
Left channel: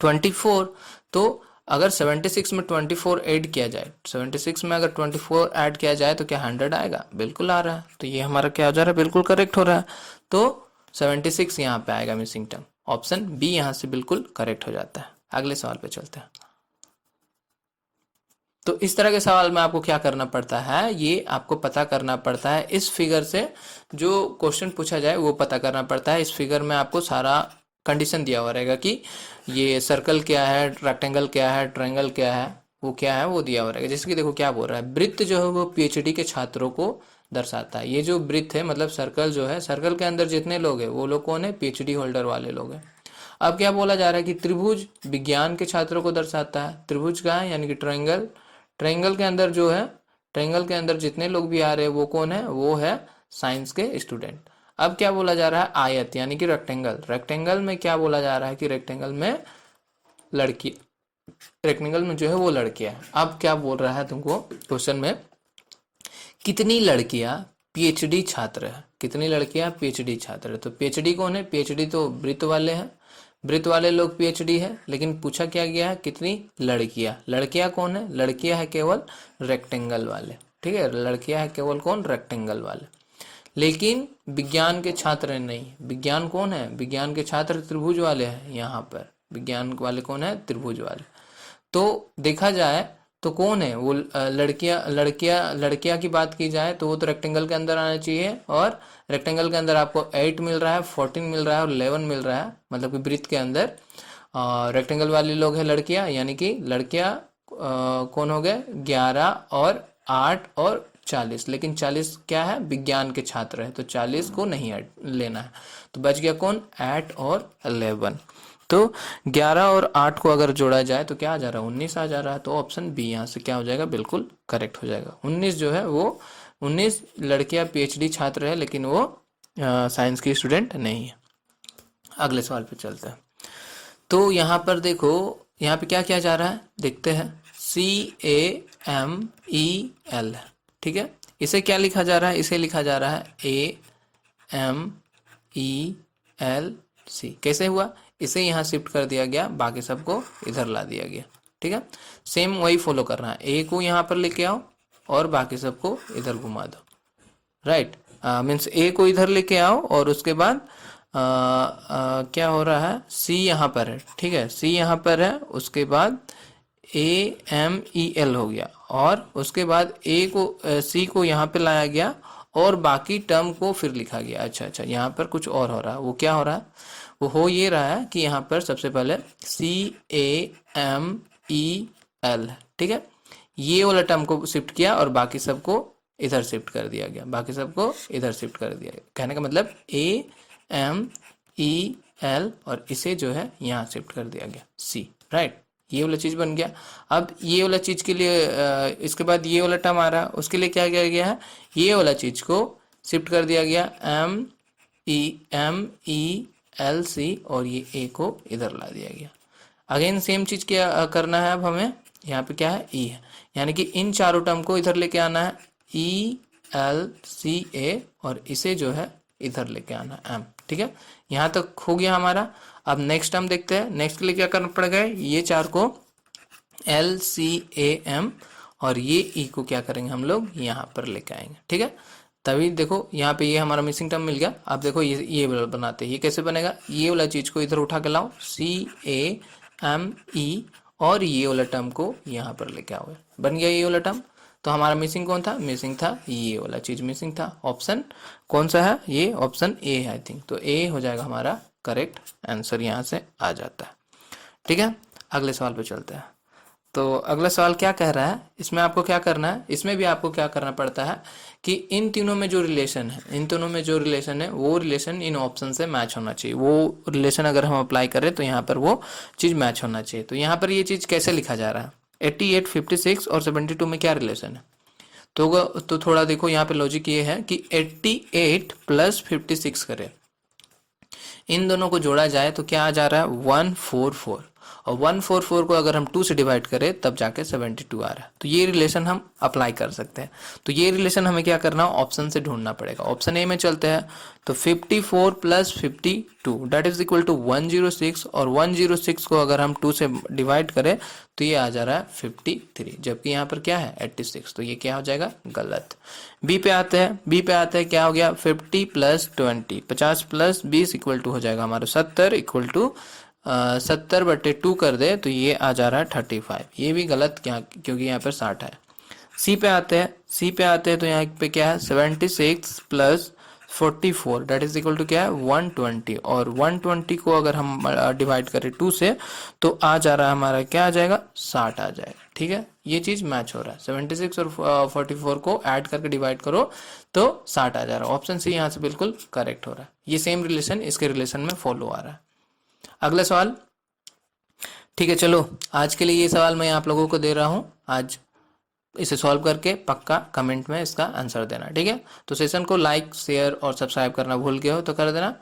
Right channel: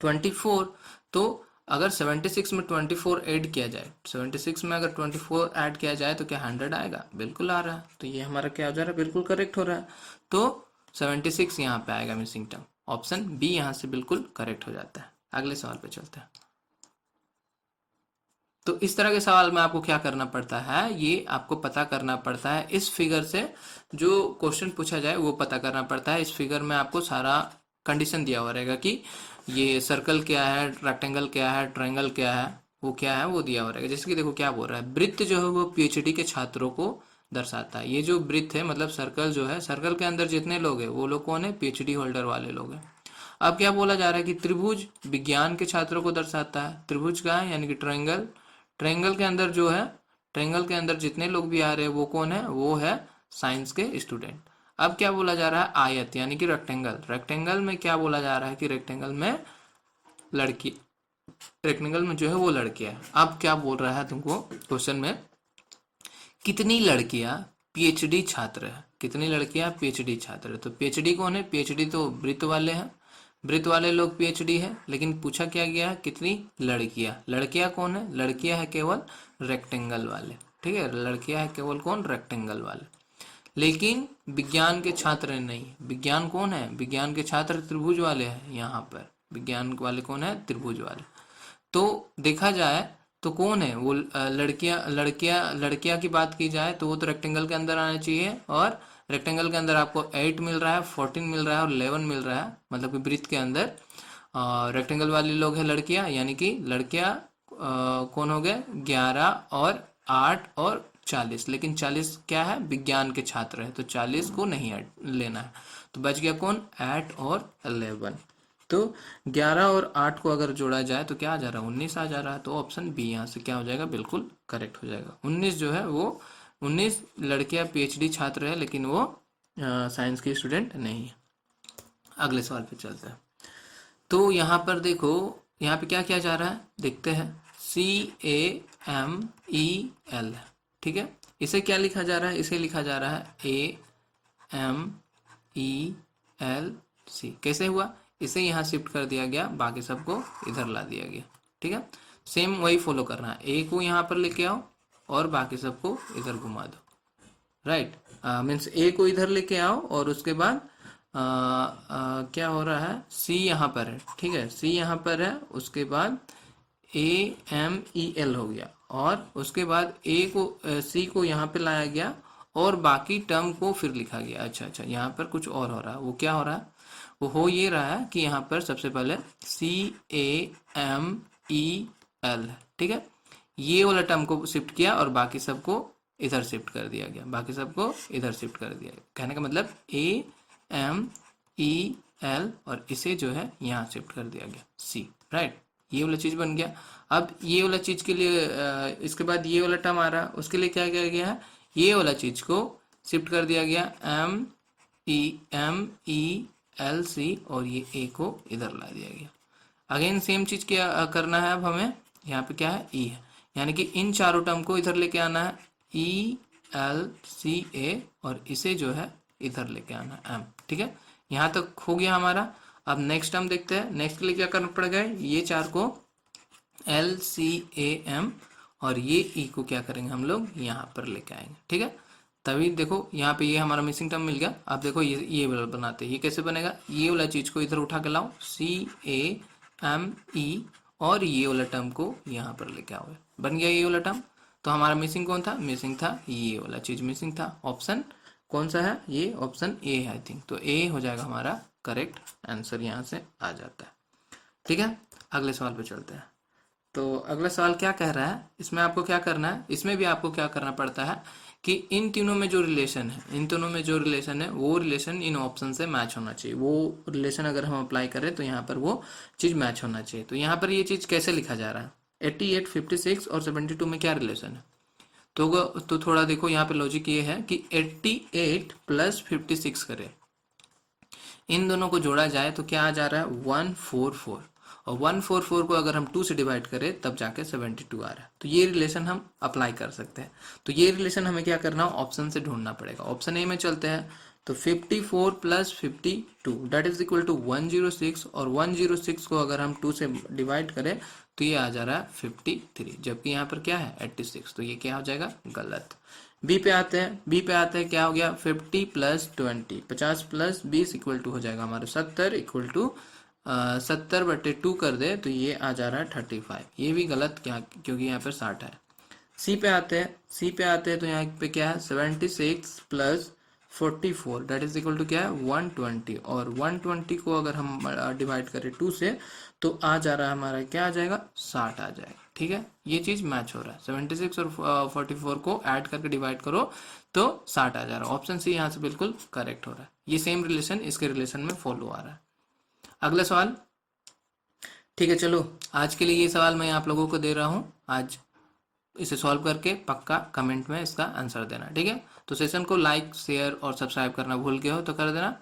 24। तो अगर 76 में 24 ऐड किया जाए, 76 में अगर 24 ऐड किया जाए तो क्या 100 आएगा, बिल्कुल आ रहा है। तो ये हमारा क्या हो जा रहा है, बिल्कुल करेक्ट हो रहा है। तो 76 यहाँ पे आएगा मिसिंग टर्म, ऑप्शन बी यहाँ से बिल्कुल करेक्ट हो जाता है। अगले सवाल पे चलते हैं। तो इस तरह के सवाल में आपको क्या करना पड़ता है, ये आपको पता करना पड़ता है। इस फिगर से जो क्वेश्चन पूछा जाए वो पता करना पड़ता है। इस फिगर में आपको सारा कंडीशन दिया हुआ रहेगा कि ये सर्कल क्या है, रेक्टेंगल क्या है, ट्रायंगल क्या है, वो क्या है, वो दिया हुआ रहेगा। जैसे कि देखो क्या बोल रहा है, वृत्त जो है वो पीएचडी के छात्रों को दर्शाता है। ये जो वृत्त है मतलब सर्कल जो है, सर्कल के अंदर जितने लोग हैं वो लोग कौन है, पीएचडी होल्डर वाले लोग हैं। अब क्या बोला जा रहा है कि त्रिभुज विज्ञान के छात्रों को दर्शाता है। त्रिभुज का है यानी कि ट्रायंगल, ट्रायंगल के अंदर जो है, ट्रायंगल के अंदर जितने लोग भी आ रहे हैं वो कौन है, वो है साइंस के स्टूडेंट। अब क्या बोला जा रहा है, आयत यानी कि रेक्टेंगल। रेक्टेंगल में क्या बोला जा रहा है कि रेक्टेंगल में लड़की, रेक्टेंगल में जो है वो लड़कियां है। अब क्या बोल रहा है तुमको क्वेश्चन में, कितनी लड़कियां पीएचडी छात्र है, कितनी लड़कियां पीएचडी छात्र है। तो पीएचडी कौन है, पीएचडी तो वृत्त वाले हैं, वृत्त वाले लोग पीएचडी है। लेकिन पूछा क्या गया है, कितनी लड़कियां, लड़कियां कौन है, लड़कियां है केवल रेक्टेंगल वाले, ठीक है, लड़कियां है केवल कौन, रेक्टेंगल वाले। लेकिन विज्ञान के छात्र नहीं, विज्ञान कौन है, विज्ञान के छात्र त्रिभुज वाले हैं। यहाँ पर विज्ञान वाले कौन है, त्रिभुज वाले। तो देखा जाए तो कौन है वो, लड़कियां लड़कियां लड़कियां की बात की जाए तो वो तो रेक्टेंगल के अंदर आना चाहिए। और रेक्टेंगल के अंदर आपको 8 मिल रहा है, 14 मिल रहा है और 11 मिल रहा है, मतलब कि वृत्त के अंदर रेक्टेंगल वाले लोग हैं लड़कियां, यानी कि लड़कियां कौन हो गए, 11 और 8 और 40। लेकिन 40 क्या है, विज्ञान के छात्र है, तो 40 को नहीं लेना है। तो बच गया कौन, 8 और 11। तो 11 और 8 को अगर जोड़ा जाए तो क्या आ जा रहा है, 19 आ जा रहा है। तो ऑप्शन बी यहाँ से क्या हो जाएगा, बिल्कुल करेक्ट हो जाएगा। 19 जो है वो 19 लड़कियां पीएचडी छात्र है, लेकिन वो साइंस की स्टूडेंट नहीं है। अगले सवाल पे चलते हैं। तो यहाँ पर देखो, यहाँ पे क्या किया जा रहा है, देखते हैं। CAMEL, ठीक है, इसे क्या लिखा जा रहा है, इसे लिखा जा रहा है AMELC। कैसे हुआ, इसे यहाँ शिफ्ट कर दिया गया, बाकी सबको इधर ला दिया गया, ठीक है। सेम वही फॉलो कर रहा है, ए को यहाँ पर लेके आओ और बाकी सबको इधर घुमा दो, राइट। मीन्स ए को इधर लेके आओ और उसके बाद क्या हो रहा है, सी यहाँ पर है, ठीक है, सी यहाँ पर है, उसके बाद AMEL हो गया और उसके बाद ए को सी को यहाँ पे लाया गया और बाकी टर्म को फिर लिखा गया। अच्छा अच्छा, यहाँ पर कुछ और हो रहा है, वो क्या हो रहा है, वो हो ये रहा है कि यहाँ पर सबसे पहले CAMEL, ठीक है, ये वाला टर्म को शिफ्ट किया और बाकी सबको इधर शिफ्ट कर दिया गया, बाकी सबको इधर शिफ्ट कर दिया गया। कहने का मतलब AMEL और इसे जो है यहाँ शिफ्ट कर दिया गया, C, राइट। ये वाला चीज़ बन गया। अब ये वाला चीज़ के लिए इसके बाद ये वाला टर्म आ रहा है, उसके लिए क्या किया गया है, ये वाला चीज़ को शिफ्ट कर दिया गया, MELC और ये A को इधर ला दिया गया। अगेन सेम चीज़ क्या करना है, अब हमें यहाँ पे क्या है, E है, यानी कि इन चारों टर्म को इधर लेके आना है, ELCA और इसे जो है इधर लेके आना है, M, ठीक है। यहाँ तक हो गया हमारा। अब नेक्स्ट टर्म देखते हैं, नेक्स्ट के लिए क्या करना पड़ेगा, ये चार को LCAM और ये E को क्या करेंगे हम लोग यहाँ पर लेके आएंगे, ठीक है। तभी देखो यहाँ पे ये हमारा मिसिंग टर्म मिल गया। अब देखो ये बनाते हैं, ये कैसे बनेगा, ये वाला चीज़ को इधर उठा के लाओ, CAME और ये वाला टर्म को यहाँ पर लेके आओ, बन गया ये वाला टर्म। तो हमारा मिसिंग कौन था, मिसिंग था ये वाला चीज़ मिसिंग था। ऑप्शन कौन सा है, ये ऑप्शन ए है आई थिंक। तो ए हो जाएगा हमारा करेक्ट आंसर, यहाँ से आ जाता है, ठीक है। अगले सवाल पे चलते हैं। तो अगला सवाल क्या कह रहा है, इसमें आपको क्या करना है, इसमें भी आपको क्या करना पड़ता है कि इन तीनों में जो रिलेशन है, इन तीनों में जो रिलेशन है वो रिलेशन इन ऑप्शन से मैच होना चाहिए। वो रिलेशन अगर हम अप्लाई करें तो यहाँ पर वो चीज़ मैच होना चाहिए। तो यहाँ पर ये चीज़ कैसे लिखा जा रहा है, 88, 56 और 72 में क्या रिलेशन है। तो थोड़ा देखो यहाँ पे लॉजिक ये है कि 88 प्लस 56 करें, इन दोनों को जोड़ा जाए तो क्या आ जा रहा है, 144 और 144 को अगर हम 2 से डिवाइड करें तब जाके 72 आ रहा है। तो ये रिलेशन हम अप्लाई कर सकते हैं। तो ये रिलेशन हमें क्या करना है, ऑप्शन से ढूंढना पड़ेगा। ऑप्शन ए में चलते हैं, तो 54 plus 52 that is equal to 106, और 106 को अगर हम 2 से डिवाइड करें तो ये आ जा रहा है 53, जबकि यहाँ पर क्या है 86, तो ये क्या हो जाएगा, गलत। बी पे आते हैं, क्या हो गया, 50 प्लस 20, 50 प्लस 20 इक्वल टू हो जाएगा हमारा 70, इक्वल टू 70/2 कर दे तो ये आ जा रहा है 35, ये भी गलत, क्या, क्योंकि यहाँ पर 60 है। सी पे आते हैं, तो यहाँ पे क्या है 76 plus 44 that is equal to क्या है 120, और 120 को अगर हम डिवाइड करें 2 से तो आ जा रहा है हमारा, क्या आ जाएगा, 60 आ जाएगा। ठीक है, ये चीज मैच हो रहा है, 76 और 44 को ऐड करके डिवाइड करो तो 60 आ जा रहा है। ऑप्शन सी यहाँ से बिल्कुल करेक्ट हो रहा है। ये सेम रिलेशन इसके रिलेशन में फॉलो आ रहा है। अगला सवाल, ठीक है, चलो आज के लिए ये सवाल मैं आप लोगों को दे रहा हूँ। आज इसे सॉल्व करके पक्का कमेंट में इसका आंसर देना, ठीक है। तो सेशन को लाइक, शेयर और सब्सक्राइब करना भूल गए हो तो कर देना।